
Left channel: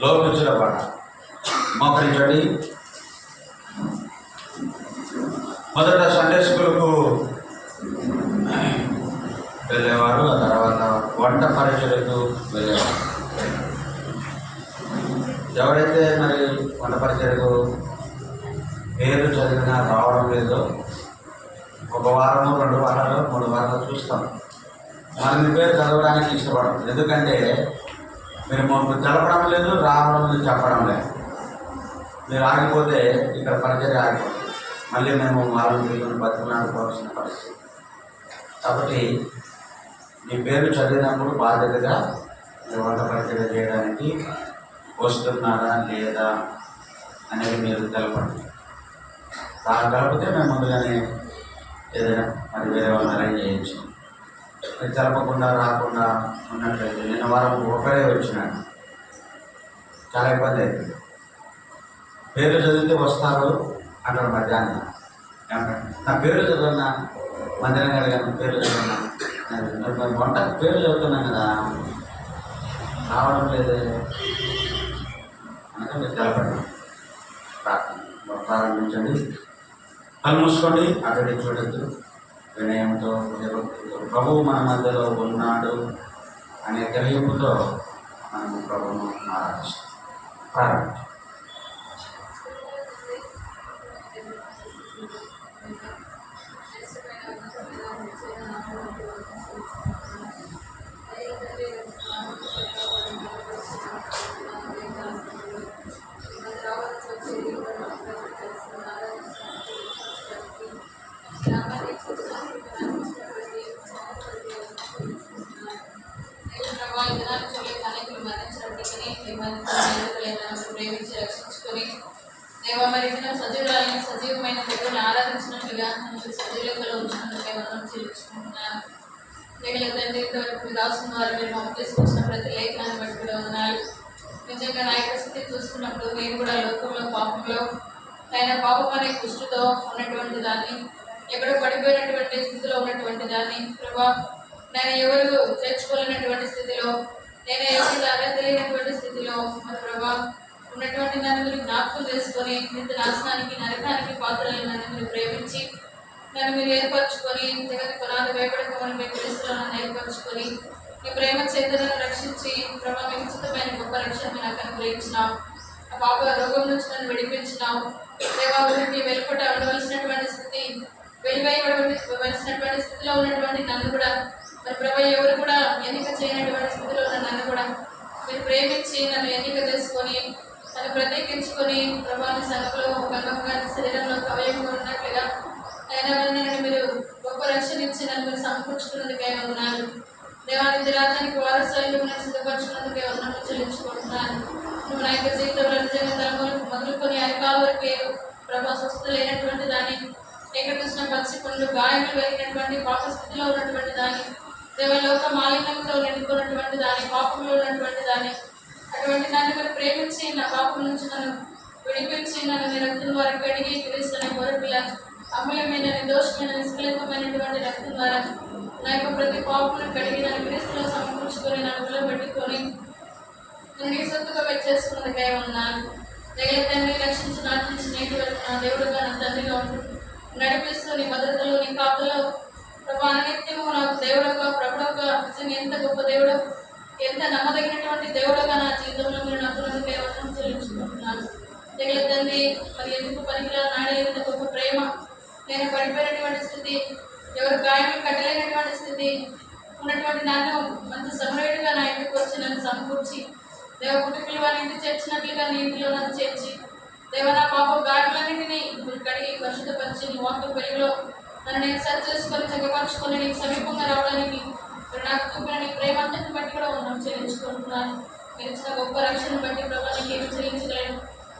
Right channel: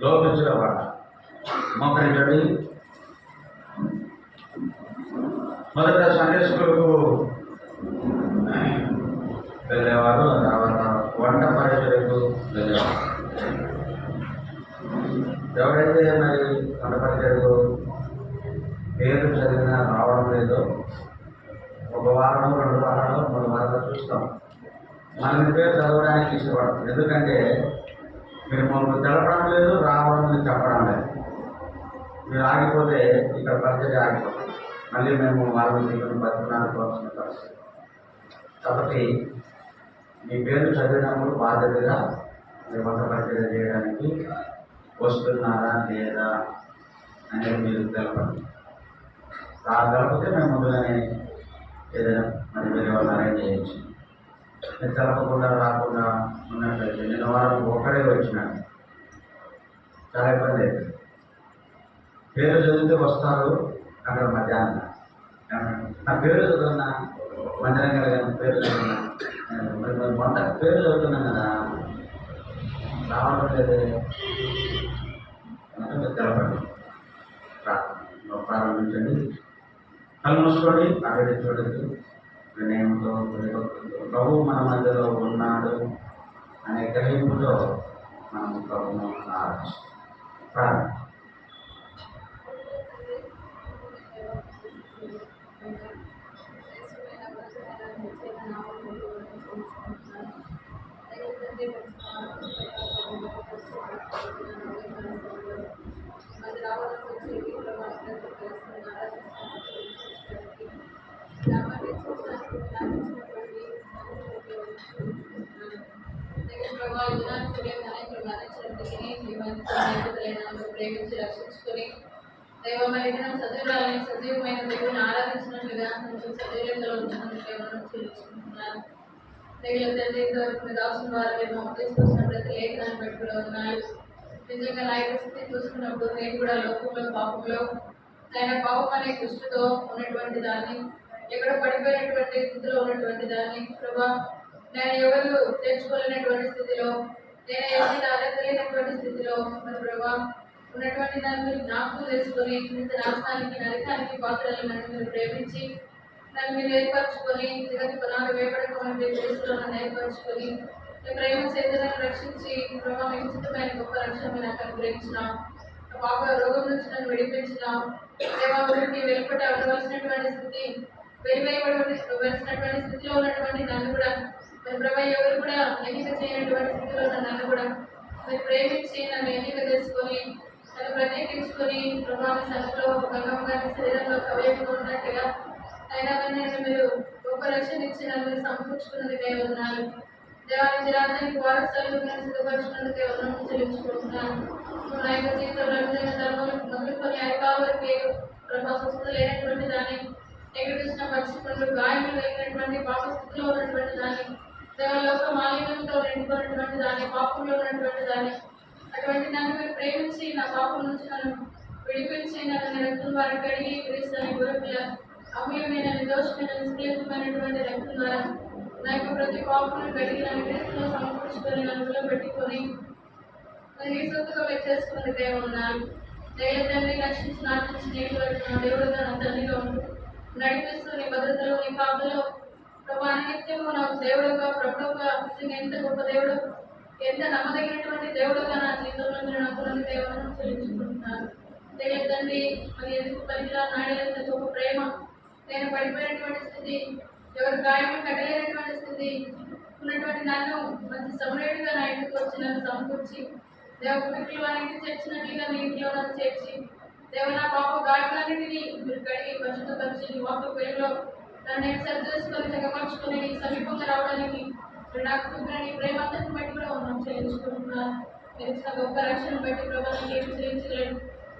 లోపించడం పాట మోకరించండి. మొదట సండే స్కూల్కు వెళ్ళేవారు, ఆ తర్వాత వంట పరిచయకు వెళ్ళేవారు. ఎవరైతే మరి వంట పరిచయకు పేరు చదివినా రావడం లేదో, ఒక వారము 2 వారాలు 3 వారాలు చూస్తాం. మన మీ పేరు చదవడానికి ఇష్టపడడం, ఎందుకంటే మీరు మాకు తెలపడం లేదు, రావడం లేదు, చెప్పడం లేదు. మీరు ఆగిపోతే ఇక్కడ పరిచయం ఆగిపోతుంది, మళ్ళీ మేము వాళ్ళని వీళ్ళని బతికినాడుకోవాల్సిన పరిస్థితి. కాబట్టి మీ పేరు చదివినప్పుడు బాధ్యతగా మీరు వంట పరిచయం చేయడానికి వస్తున్నారా లేదా అనేది మీరు తెలపండి. తెలపితే మేము ముందుగానే ఏదైనా మరి వేరే వాళ్ళు అరేంజ్ చేయొచ్చు. మీరు తెలపకుండా రాకుండా ఉన్నట్లయితే నిన్న వారం ఒకరే వచ్చినాడు, చాలా ఇబ్బంది అవుతుంది. పేరు చదివితే వస్తారు అంటారు మధ్యాహ్నం. నా పేరు చదువున్నా, మందిరం కలిగాను పేరు చదువున్నా, వంట పేరు చదువుతున్నాను కదా, రావడం లేదే అంటే మీరు తెలపండి. ప్రారంభించండి. కళ్ళు మూసుకోండి, అటు చూడద్దు. వినయంతో ప్రభువు మన మధ్యలో ఉన్నాడు అనే గ్రహింపుతో మనం ప్రభువును ఆరాధిస్తాం. ప్రారంభించండి. ప్రేమించి రక్షించుకొని దేవా మరి సజీవురాలని సజీవమైన దేవుని ఆరాధించినట్లుగా సజీవులతో ఉంచినందుకే మనం చెల్లించుకుంటున్నాను. తండ్రి ఇంతవరకు మీరు రాసిన వారు మీరు మాకు తీసుకొచ్చిన ప్రతి లేఖనాన్ని బట్టి కూడా వందనాలు. నిజంగా నా యొక్క స్థితి చూసుకున్నప్పుడు నేను కూడా లోకంలో పాపంలో అయినా పాపం అనే కుష్టితో ఉన్నటువంటి దాన్ని, ఎక్కడో పడిపోయినటువంటి స్థితిలో ఉన్నటువంటి దాన్ని ప్రభా, నేను ఎవరు చేర్చుకోలేనటువంటి స్థితిలో, నేను ఎవరి అడగలేనటువంటి స్థితిలో మరి ప్రభా ఉన్నటువంటి నన్ను మీరు జ్ఞాపకం చేసుకొని ఇంత నాశనానికి నరకానికి పాత్రలను నన్ను మీరు ప్రేమించి నన్ను మీరు ఏర్పరచుకొని జగతి పునాది వేపడకమని మీ క్రీస్తులో నన్ను ఏర్పరచుకొని మీ ప్రేమ చేతలను రక్షించి ప్రభా మీకు ఉచితమైన గొప్ప రక్షణ నాకు అనుగ్రహించినావు. ఆ పాప రోగం నుంచి నన్ను విడిపించినావు. దేవాభివృద్ధి వెలుపట ఉండవలసినటువంటి స్థితి, వెలివేయబడవలసినటువంటి స్థితిలో ఉన్నటువంటి నన్ను కూడా మరి ప్రభా ఎవరు కూడా ఎన్నిక చేయనటువంటి స్థితిలో ఉన్న నన్ను కూడా మీరు ప్రేమించి నన్ను ఎన్నిక చేసుకొని నన్ను ప్రత్యేకించుకొని ప్రభాని సంఘంలో ఒక అంగంగా శరీరంలో కవయంగా ఉన్నట్లుగా అయినా నేను మీరు గొప్ప రక్షణ ఇచ్చి నన్ను మీరు సమకూర్చుకున్నందుకే వందనాలు. దేవానికి రాజ్యానికి వారసులు నేను సిద్ధపరచుకున్నందుకే వందనము చెల్లించుకుంటున్నాను. నువ్వు నా యొక్క జీవితంలో నిజంగా తలములకు మొదలుకొని అరికాల వరకు ఏ ప్రభా స్వస్థత లేనటువంటి దాన్ని, ఎక్కడ చూసిన పచ్చి పుండ్లు గాయములు కలిగినటువంటి పాప స్థితిలో ఉన్నటువంటి దాన్ని, దేవలోక మాలిన్యంతో నిండుకున్నటువంటి దాన్ని, పాపంలో ఉన్నటువంటి దాన్ని, అటువంటి దాన్ని మీరు ప్రేమించి నా పాపం నుంచి నన్ను విడిపించి నన్ను మీ రక్తం ద్వారా కడిగి క్రీస్తుని గొర్రెపిల్ల అమూల్యమైన నిర్దోషమైన నిష్కలంకమైనటువంటి రక్తం ద్వారా నా యొక్క ప్రతి పాపను కడిగి నన్ను క్రీస్తులో సమకూర్చుకొని నన్ను నిలబెట్టుకొని నన్ను నీ సొత్తుగా పెట్టేసుకున్నదిగా ఉన్నాను. దయల తండ్రి రక్షించి నాటించినటువంటి నా దేవుడుగా నా తండ్రిగా ఉంటూ నడిపిస్తూ నీ భద్రతలో నీ కాపులో ప్రభా నిత్యము నాకు దేవుడుగా ప్రభుడుగా నిజంగా ఎంత గొప్ప దేవుడు, ఎంత నమ్మదగినటువంటి దేవుడుగా నా జీవితంలో మీరు నాకు కేవలం చెల్లించుకుంటున్నాను. దయల తండ్రి మరి ఎందుకు పనికిరా నాడే ఎంత గొప్ప ప్రేమ, నేను పడిపోయినటువంటి స్థితి ఎవరు గాయములు కట్టలేనటువంటి స్థితి ఉన్నటువంటి నన్ను మంచి సమయుడిగా నా ఇంటికి వచ్చి నన్ను సమకూర్చి దేవ కుటుంబీలు వారి ఇంటికి చేర్చినట్లుగా నీ ఇంటిలో నన్ను చేర్చి దేవ నా పాప గాయములన్నింటినీ మీరు కడిగి పరిశుద్ధపరిచి నీ వాక్య వెలుగులో నన్ను నేను సరి చేసుకొని చక్కపరుచుకొని నీకు సమీపంగా రావడానికి మీరు నాకు చూపిన నీ ప్రేమంతని బట్టి కూడా ఉన్నాం చెల్లించుకుంటున్నాను. మీరు ఇచ్చిన గొప్ప రక్షణను బట్టి ప్రభావ నీకు ఏమి చెల్లించగలను.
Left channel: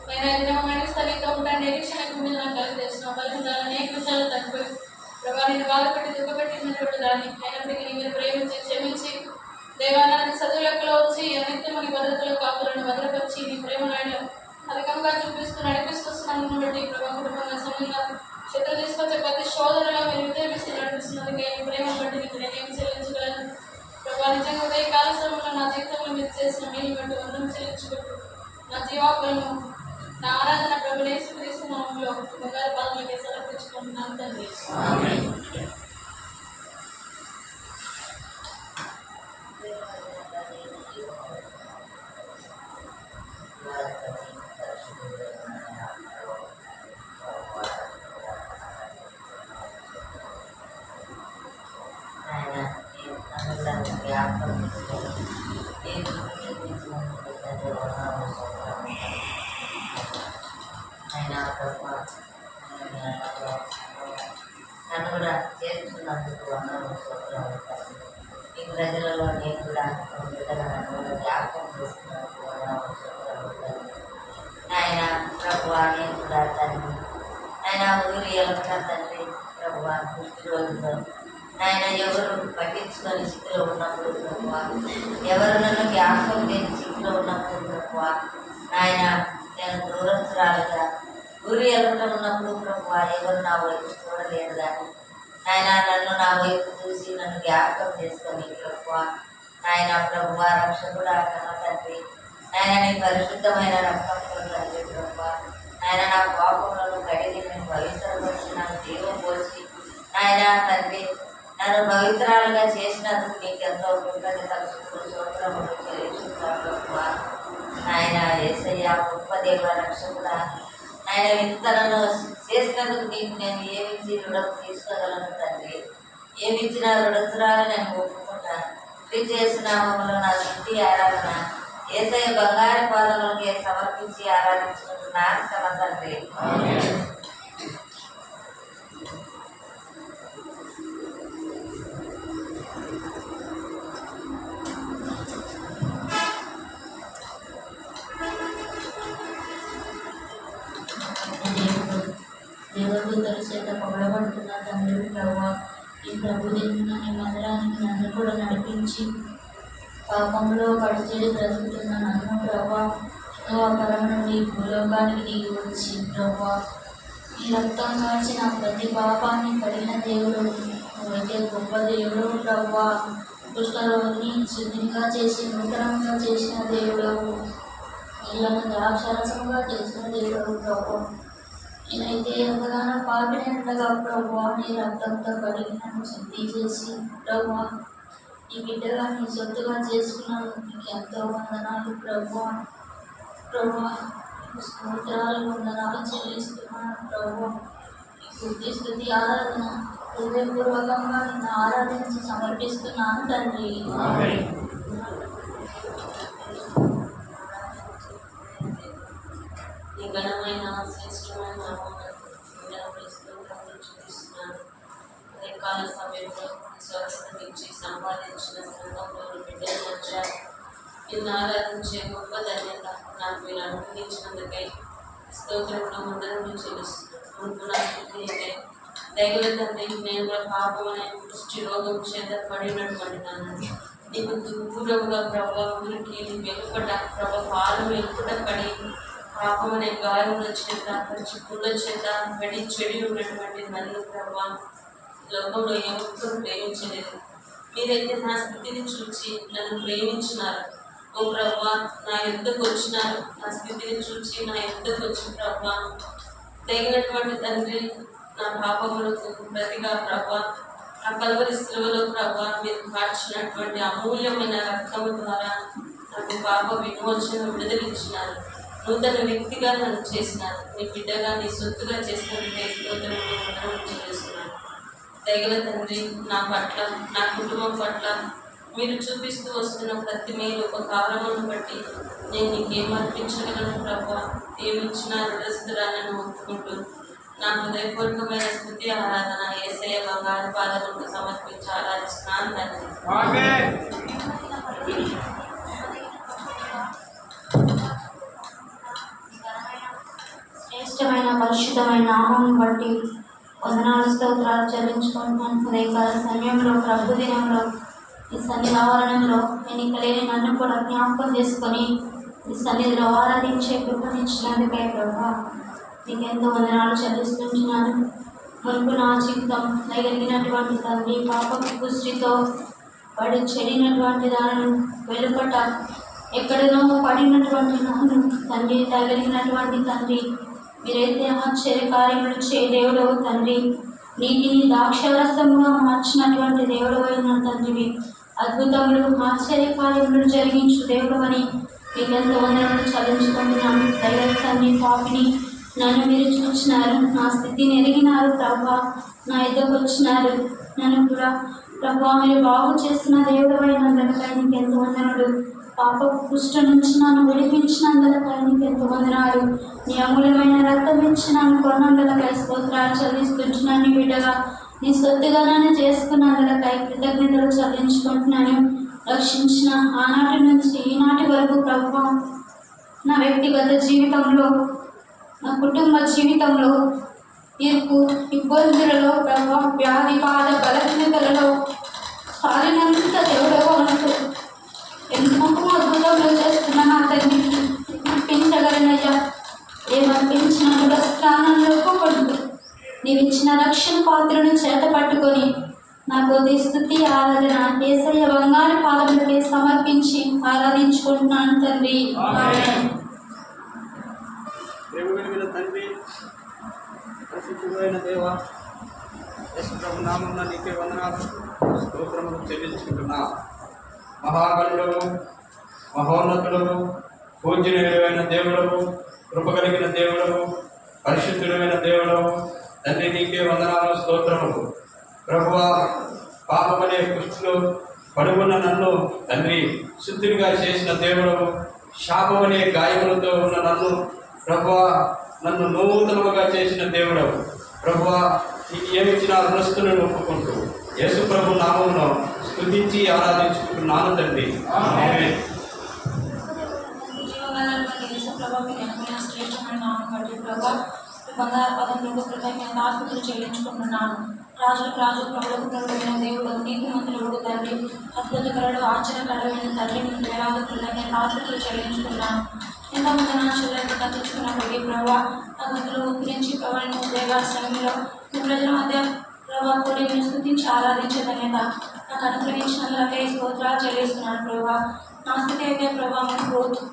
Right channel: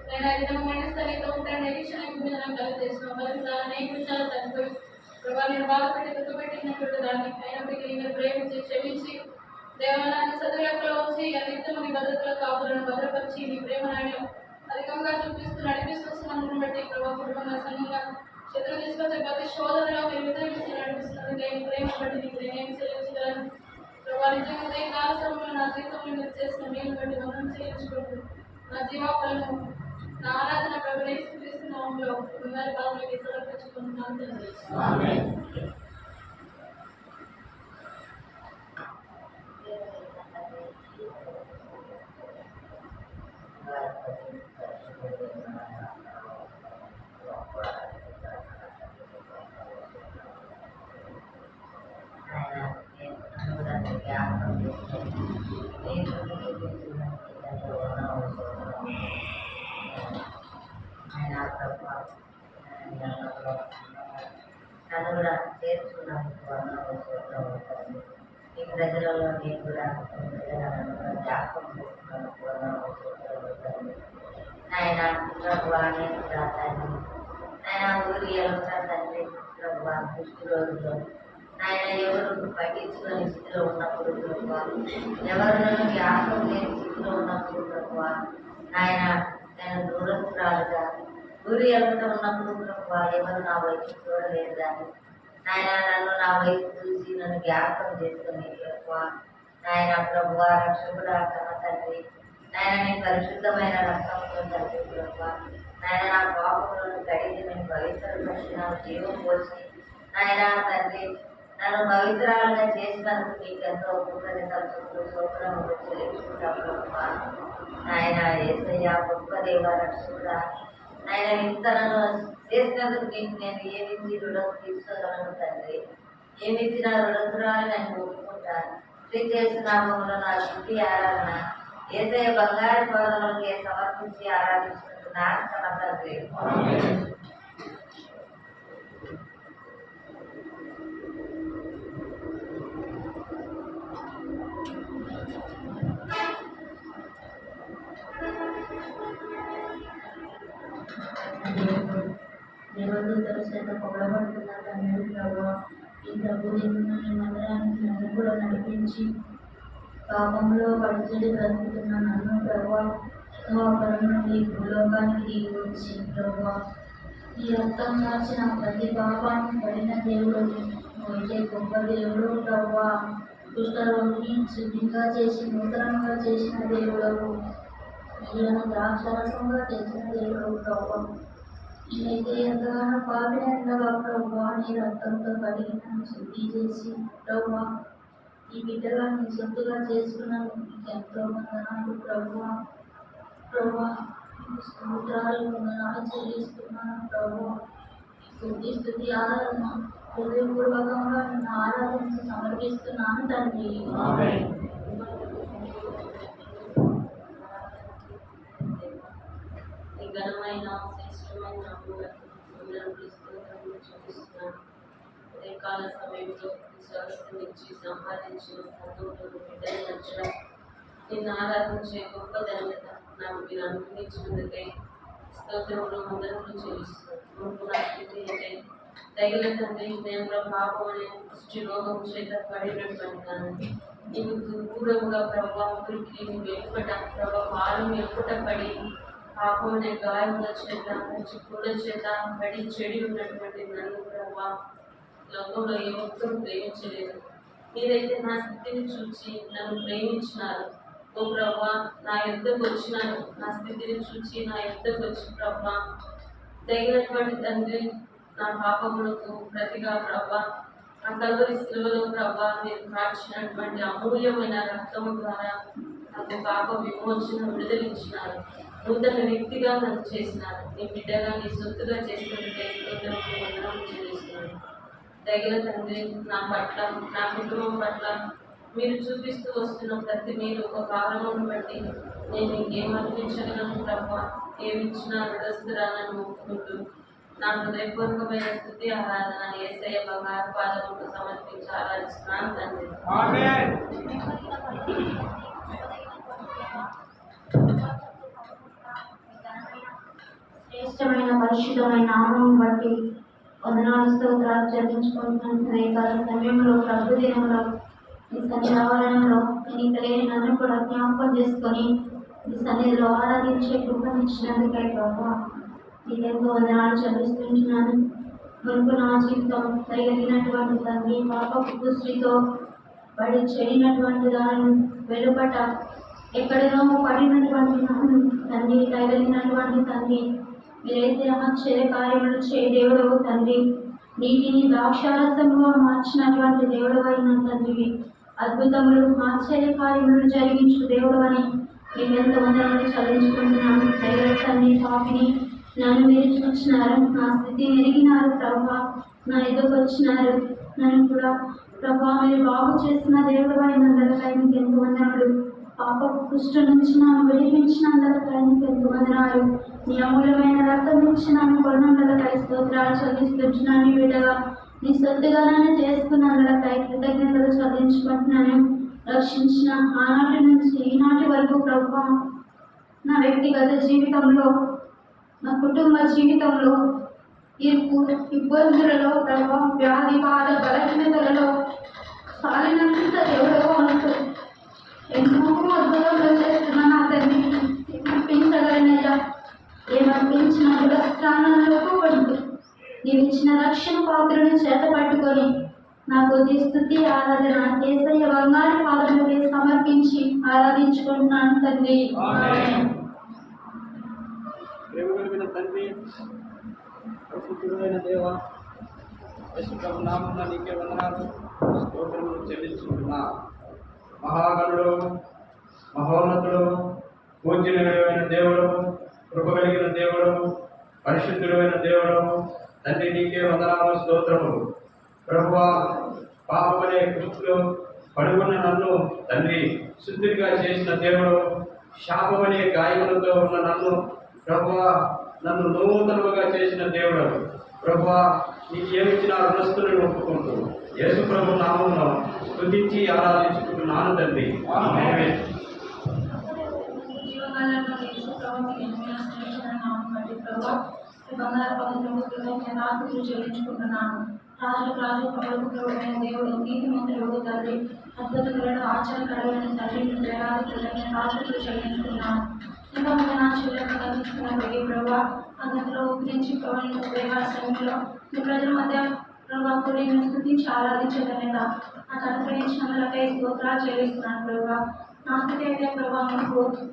నేను ఐదు దినమైన స్థలితో ఉంటాను నిరీక్షణ మీద నాకు కలిగేస్తున్నాను. ఫలితాలు అనేక విషయాలు తగ్గిపోయి ప్రభావ నేను బాధపెట్టి దుఃఖపెట్టినటువంటి దాన్ని అయినప్పటికీ మీరు ప్రేమించి క్షమించి దేవాలయాన్ని సదువులకులో వచ్చి అనిత్యము నీ భద్రతలో కాపులను భద్రపరిచి నీ ప్రేమను ఆయన అధికంగా చూపిస్తూ నడిపిస్తున్నాను బట్టి ప్రభావ కుటుంబంగా సమయంగా శత్రులు తీసుకొచ్చే ప్రతి శోధనలో మీరు ఉదయమిస్తూ నడిపిస్తున్నందుకు నీ ప్రేమ బట్టి నీకు నేనేమి చెల్లించగలను. ప్రభావ నిజంగా ఉదయ కాల సమయంలో నా జీవితంలో మీరు చేసిన మేలు బట్టి వందనం చెల్లించుకుంటూ నా జీవాపలను నా ఆరాధన ప్రభునే తీసుకున్నాములో బంగారు పాదలకి సమర్పించుకుంటున్నాను తండ్రి. నన్ను కూడా చేర్చుకున్నందుకు ఈ ప్రజలలో నేను కూడా నన్ను కూడా జ్ఞాపకం చేసుకున్నందుకు ఆయన ప్రభువా నేను కూడా తండ్రి ఆయన ఊరి కూడా తండ్రి ప్రభువా పుష్టి రోజుల్లో ఆయన ఎవరు పట్టించుకొని స్థితిలో ఉన్నప్పుడు ప్రభువా ఎవరు నన్ను జ్ఞాపకం లేని స్థితిలో ఉన్నప్పుడు ప్రభువా ఆయన నేను దూరస్తురాలుగా ఊరి ఉన్నప్పుడు ప్రభువా ఎవరు నా వైపు చూడలేదు కానీ ఆయన నన్ను నా వైపు చూసి నన్ను జ్ఞాపకం చేసుకొని ప్రభువా ఆయన ప్రభువా రక్షకుడా కన్న తండ్రి ఆయన నీ పరిశుద్ధమైన రక్తంతో తండ్రి ప్రభువా ఆయన నా పాపములను కడిగి నేను పవిత్రపరిచి నన్ను దీవం పోసి ఆయన తండ్రి నన్ను పవిత్రాలుగా చేసినందుకు నీకు ఎంతో కృతజ్ఞతలు స్తోత్రములు చెల్లించుకుంటాను ప్రభువా. ఆయన యేసయ్య గొప్ప దేవ రక్షకుడా ఆయన ఇంత నన్ను చేసినందుకు నీకు నేను ఏమిచ్చి రుణం తీసుకోగలను తండ్రి. ఏమిచ్చిన రుణతురాలు నేను ఒప్పుకుంటాను. శ్రీ చేసిన నా స్థితి ఆరాధన యేసయ్య బంగారు పాదములకి సమర్పించి ఆరాధించుకుంటున్నాను కన్న తండ్రి. దేవదూతల చేత పొగడబడుతున్న తండ్రి ప్రభువా ఈ ప్రభుదిన నీ మందిరానికి నన్ను కూడా నడిపించి పాపంలో పడిచెడి బ్రతుకుతున్న నన్ను ప్రభువా పరం నుండి భూలోకానికి దిగి వచ్చి ప్రభువా ఈ రక్తం కాచిన ప్రతి పాపాన్ని కడిగిన దేవుడు అయితే గొప్ప దేవుడు ప్రభువా కుష్ఠరోగిని శుద్ధిగా చేసి నూతనంగా చేసిన దేవుడు ఇళ్లను ద్రాక్షరసంగా చేసిన దేవుడు ప్రభువా నేనైతే ఎంతగానో పాపినట్లుగా ప్రభువా నీ రక్తంతో కడిగి నన్ను శుద్ధి చేసి ప్రభువా ఈ బిడ్డగా నీ సొత్తుగా చేసుకున్నందుకు నీకు ఎంతో వందనాలు ప్రభువా. ప్రభువా నీకు స్తోత్రాలు వందనాలు చెల్లిస్తున్నాను ప్రభువా. స్తుతి స్తుతి ఆరాధన హృదయపూర్వకంగా నిన్ను ఆరాధించి సమర్పిస్తున్నాను తండ్రి. నీ ఘనమైన శ్రేష్టమైన చూపిస్తున్నాను. అదే కాల సమయంలో స్వస్థనిచ్చి సంపాదించిన సంఘంలో బిడ్డల మధ్య నిన్ను ఆరాధించే గొప్ప ధన్యత నాకు మీరు అనుగ్రహించినందుకై స్తోత్రంలో మందరం చెల్లిస్తున్నాను. ముందు నా స్థితి అయితే దైవ తండ్రి నేను పాపం అనే దృష్టి రోగం చేత పడినటువంటి నాన్న నీకు దూరంగా ప్రభావ ఊరికి నీ వెలుపట ప్రభావ పాలు వెలుపట పడి పాపం అనే గాయముల చేత చిక్కుల చేత పడి చెడి ఉన్నటువంటి నన్ను ప్రభావ లోకంలో ఏ ఒక్కరు ప్రేమించలేదు. మీరైతే నా స్థితిని చూచి నన్ను ప్రేమించినారు. ఓ ప్రభా నా యుద్ధకు వచ్చినారు. నా స్థితిని చూచి నా యుద్ధకు వచ్చి ప్రభా తగినటువంటి తండ్రి నా పాపములకు ప్రతిగా ప్రభా ఆ కల్వరి శిలువలో ప్రభా మీరు కార్చినటువంటి అమూల్యమైన రక్తము ద్వారా నాకు పాప విమోచన విడుదలిచ్చినారు. నూతన వ్యక్తిగా నన్ను చేసినారు. నీ బిడ్డగా నీ సొత్తుగా చేస్తున్న స్తోత్రంలో వందనం చెల్లిస్తున్నాను. దయగల తండ్రి, నా పట్ల, నా కుటుంబం పట్ల మీరు చూపిస్తూ వస్తున్న ప్రతి మీరు ఒక కారణం బట్టి నేను నీకేం అర్పించగలను ప్రభా. ఏమిచ్చినా రుణస్థురాలను మొక్కుకుంటూ నా హృదయపూర్వకమైన స్థుతి ఆరాధన యేసయ్య బంగారు పాదములకు సమర్పించి ఆరాధిస్తున్నాను తండ్రి. శ్రేష్టమైన పరిశుద్ధమైన నామం బట్టి వందనాలు స్తోత్రాలు చెల్లించుకుంటున్నాను. ఉదయకాల సమయంలో ప్రభు దినంలో ఈ సన్నిధి ఆవరణంలో ఎన్నికలేని నన్ను కూడా జ్ఞాపకం చేసుకొని ఈ సన్నిధిలో ఆరాధించే కృపనిచ్చినందుకై ప్రభా నీకెంతో వందనాలు చెల్లిస్తుంటున్నాను. మునుపు నా జీవితం తగిలినటువంటి తండ్రి పాపపు దృష్టితో పడి చెడినటువంటి దానిని వెలుపట ఎక్కడనో పడినటువంటి నన్ను తండ్రి తగిలినటువంటి తండ్రి మీరైతే ఆశ్చర్యకార్యములు చే దేవుడవు తండ్రి. నీటిని ద్రాక్షారసముగా మార్చినటువంటి దేవుడు అయిన తండ్రివి. అద్భుతములు ఆశ్చర్యకార్యములు జరిగించు దేవుడు అని మీకెంతో వందనలు చెల్లించుకుంటున్నాను. దైవ తండ్రి పాపిని నన్ను మీరు చూసినారు, నా స్థితిని ఎరిగినారు ప్రభా. నా ఎదుకు వచ్చినారు, నన్ను కూడా ప్రభా మీరు బాగు చేసిన దేవుడు అయినందుకై నీకు ఎంతో వందనలు. పాప కుష్ఠ నుంచి నన్ను విడిపించినందుకై నీకు ఎంతో వందనాలు. నీ అమూల్యమైన రక్తం ఇచ్చి నన్ను కొన్నందుకై స్తోత్రాలు చెల్లిస్తుంటున్నాను. బిడ్డగా నీ సొత్తుగా నన్ను చేసుకున్నందుకై కృతజ్ఞతలు చెల్లించుకుంటున్నాను. రక్షించిన ఆనాటి నుంచి ఈనాటి వరకు ప్రభా నా వ్యక్తిగత జీవితంలో, నా కుటుంబ జీవితంలో, ఇరుకు ఇబ్బందులలో ప్రభా వ్యాధి బాధ బలహీనతలలో సాలినంత దేవుడు అంటూ ఎంతో అద్భుతంలో చేస్తున్న నా తండ్రికి అర్పించగలనయ్యా. ఏమర్పించిన స్థానంలోకి పడుతూ నీవిచ్చిన రక్షణ పాత్రను చేత పట్టుకొని నాకు స్తుతి ఆరాధన యేసయ్య బంగారు పాదములకే సమర్పించి ఆరాధించుకుంటున్నాను తండ్రి. ఆమేన్. ప్రేమగలిగిన తండ్రి, పరిశుద్ధుడైన దేవ, యేసుప్రభు నామమున నీకే వందనాలు స్తోత్రములు చెల్లించుకుంటున్నా. మహాగణుడు, మహోన్నతుడు, పూజ్యుడైన దేవుడు, కృపగలిగిన దేవుడు, పరిశుద్ధుడైన దేవుడు తండ్రి నీకే వందనాలు స్తోత్రములు. ప్రభువా, పాపమనే కుష్ఠులు పడుకున్న నన్ను తండ్రి శుద్ధుడిగా చేసిన దేవుడు, శాపమనే గాయములతో ఉన్న నన్ను ప్రభువా నన్ను నూతనముగా చేసిన దేవుడు. ప్రభువా నీకు ఏమిచ్చినా రుణస్థులను ఒప్పుకుంటూ యేసు ప్రభు నామమును స్తుతించి ఆరాధించుకుంటున్నాను తండ్రి. ఆమేన్. బంగారు పద్ధతులకు కృతజ్ఞత ఆస్తులు చెల్లించుకుంటున్నాను. రాజులకు రాజు ప్రభులకు ప్రభువైన దేవుడు, నీతి మంత్రుడు తండ్రి, అద్భుతకరుడు ఆశ్చర్యకరమైన తండ్రి, మీకు వేలాది కృతజ్ఞత ఆస్తులు చెల్లించుకున్నాను. ఎంతమంది నా చెల్లెలు కట్టించుకున్నప్పటికీ ప్రభావ నా గదిలో గురించి ప్రభావం ఉదయగాల సమయంలో మీ ప్రజల మధ్య ప్రభావ కూడి నేను స్థుతించి ఆరాధించేదనేత నాకు అనుగ్రహించినందులకై స్తోత్రాలు చెల్లిస్తున్నాను. ప్రభావ నా స్థితి అయితే ప్రభావం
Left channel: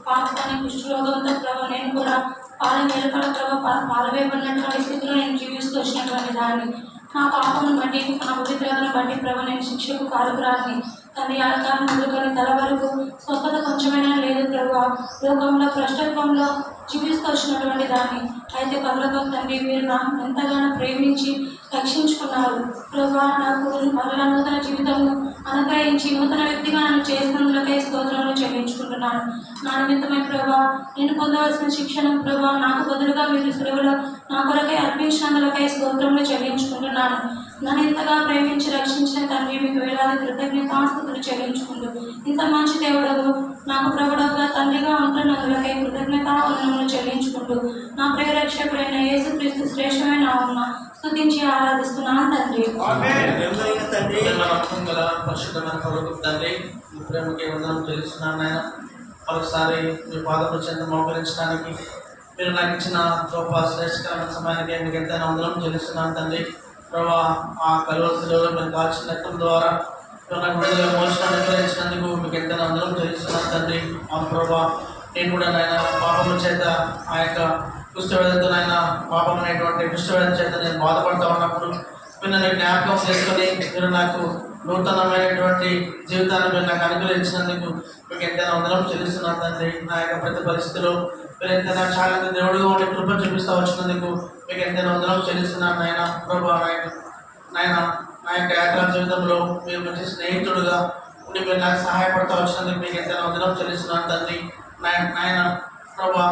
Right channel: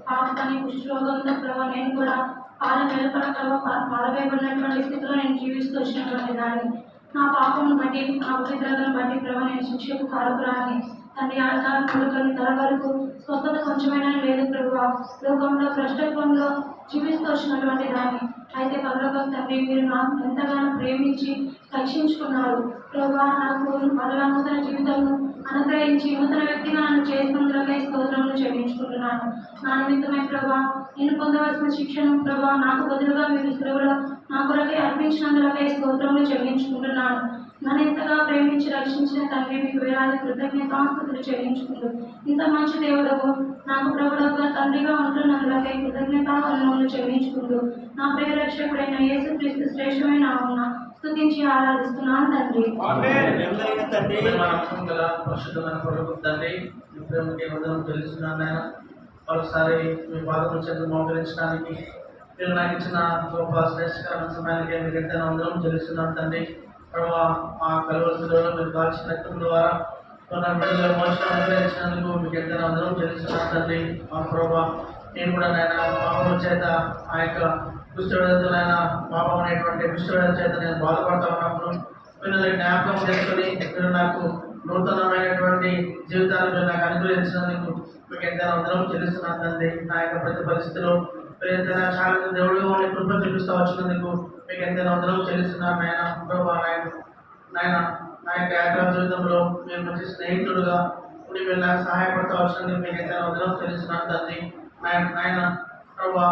పాపని కుష్ఠరోగంతో ప్రభావ నేను కూడా పాలు మేలుకల ప్రభావ పాలవేయబడినటువంటి స్థితిలో నేను జీవిస్తూ వచ్చినటువంటి దాన్ని నా పాపమును బట్టి నా పవిత్రతను బట్టి ప్రభావ నేను శిక్షకు కారుకురాని తండ్రి ఆడకాలం మొదలుకొని తల వరకు స్వస్థత కొంచెమైనా లేదు ప్రభావ. లోకంలో భ్రష్టత్వంలో జీవిస్తూ వచ్చినటువంటి దాన్ని అయితే పరలోక తండ్రి మీరు నా ఎంతగానో ప్రేమించి రక్షించుకున్నారు ప్రభావ. నాకు మరలా నూతన జీవితంను అనుగ్రహించి నూతన వ్యక్తిగా నన్ను చేసినందులకై స్తోత్రములు చెల్లించుకుంటున్నాను. నా నిమిత్తమై ప్రభా నేను పొందవలసిన శిక్షను ప్రభా నాకు బదులుగా మీరు సులువులో నా కొరకై అర్పించినందులకై స్తోత్రములు చెల్లించుకుంటున్నాను. నన్ను ఎంతగా ప్రేమించి రక్షించిన తండ్రి మీకు వేలాది కృతజ్ఞతాస్తుతులు చెల్లించుకుంటూ ఇంత మంచి దేవుడవు నాకు ప్రభుడుగా తండ్రిగా ఉంటున్నందులకై కృతజ్ఞతావందనములు చెల్లించుకుంటూ నా ప్రియ రక్షకుడైన యేసుక్రీస్తు శ్రేష్టమైన నామమున స్తుతించి ఆరాధిస్తున్నాను తండ్రి. పరిశుద్ధమైన ప్రభుత్వ తండ్రి మీ ప్రేమకి వందనం చెల్లిస్తున్నాను నాయన. మరొకసారి మీ పాదముల చెంత మోకరించడానికి మీరు నాకు ఇచ్చిన గొప్ప శ్రేష్టకరమైన సమయానికి మీకు ఎంతైనా వందనం చెల్లిస్తున్నాను తండ్రి. ప్రభావ ఆ కలువలో మీరు కాల్చిన రక్తం ద్వారా నాకు విడుదల మోక్షాన్ని అనుగ్రహించినందుకు మీకు ఎంతైనా వందనం చెల్లిస్తున్నాను తండ్రి. ఆ ప్రభావ నేను కూడా నాయన పాపముల చేత ఆ యొక్క కుష్ఠవ్యాధితో నాయన పాపం అనేటువంటి కుష్ఠవ్యాధి చేత నేను బాధపడతా ఉన్నప్పుడు మీరు నన్ను జ్ఞాపకం చేసుకొని మీరు నాకు నూతనమైనటువంటి జీవితాన్ని మీరు నాకు అనుగ్రహించినందుకు మీకు ఎంతైనా వందనం చెల్లిస్తున్నాను తండ్రి. నా యొక్క ప్రతి పరిస్థితిలో మీరు ఎంతైనా చాలా దేవుడుగా ఉండి కృప చూపిస్తూ వచ్చినందుకు మీకు ఎంతైనా వందనం చెల్లిస్తున్నాను నాయన. ప్రభా నాయన నా యొక్క యాత్రా జీవితంలో మీరు మంచి స్నేహితుడుగా ఉండి మీరు నాకు సహాయపడతా వచ్చినందుకు మీకు ఎంతైనా వందనం చెల్లిస్తున్నాను తండ్రి. నాయన ప్రభా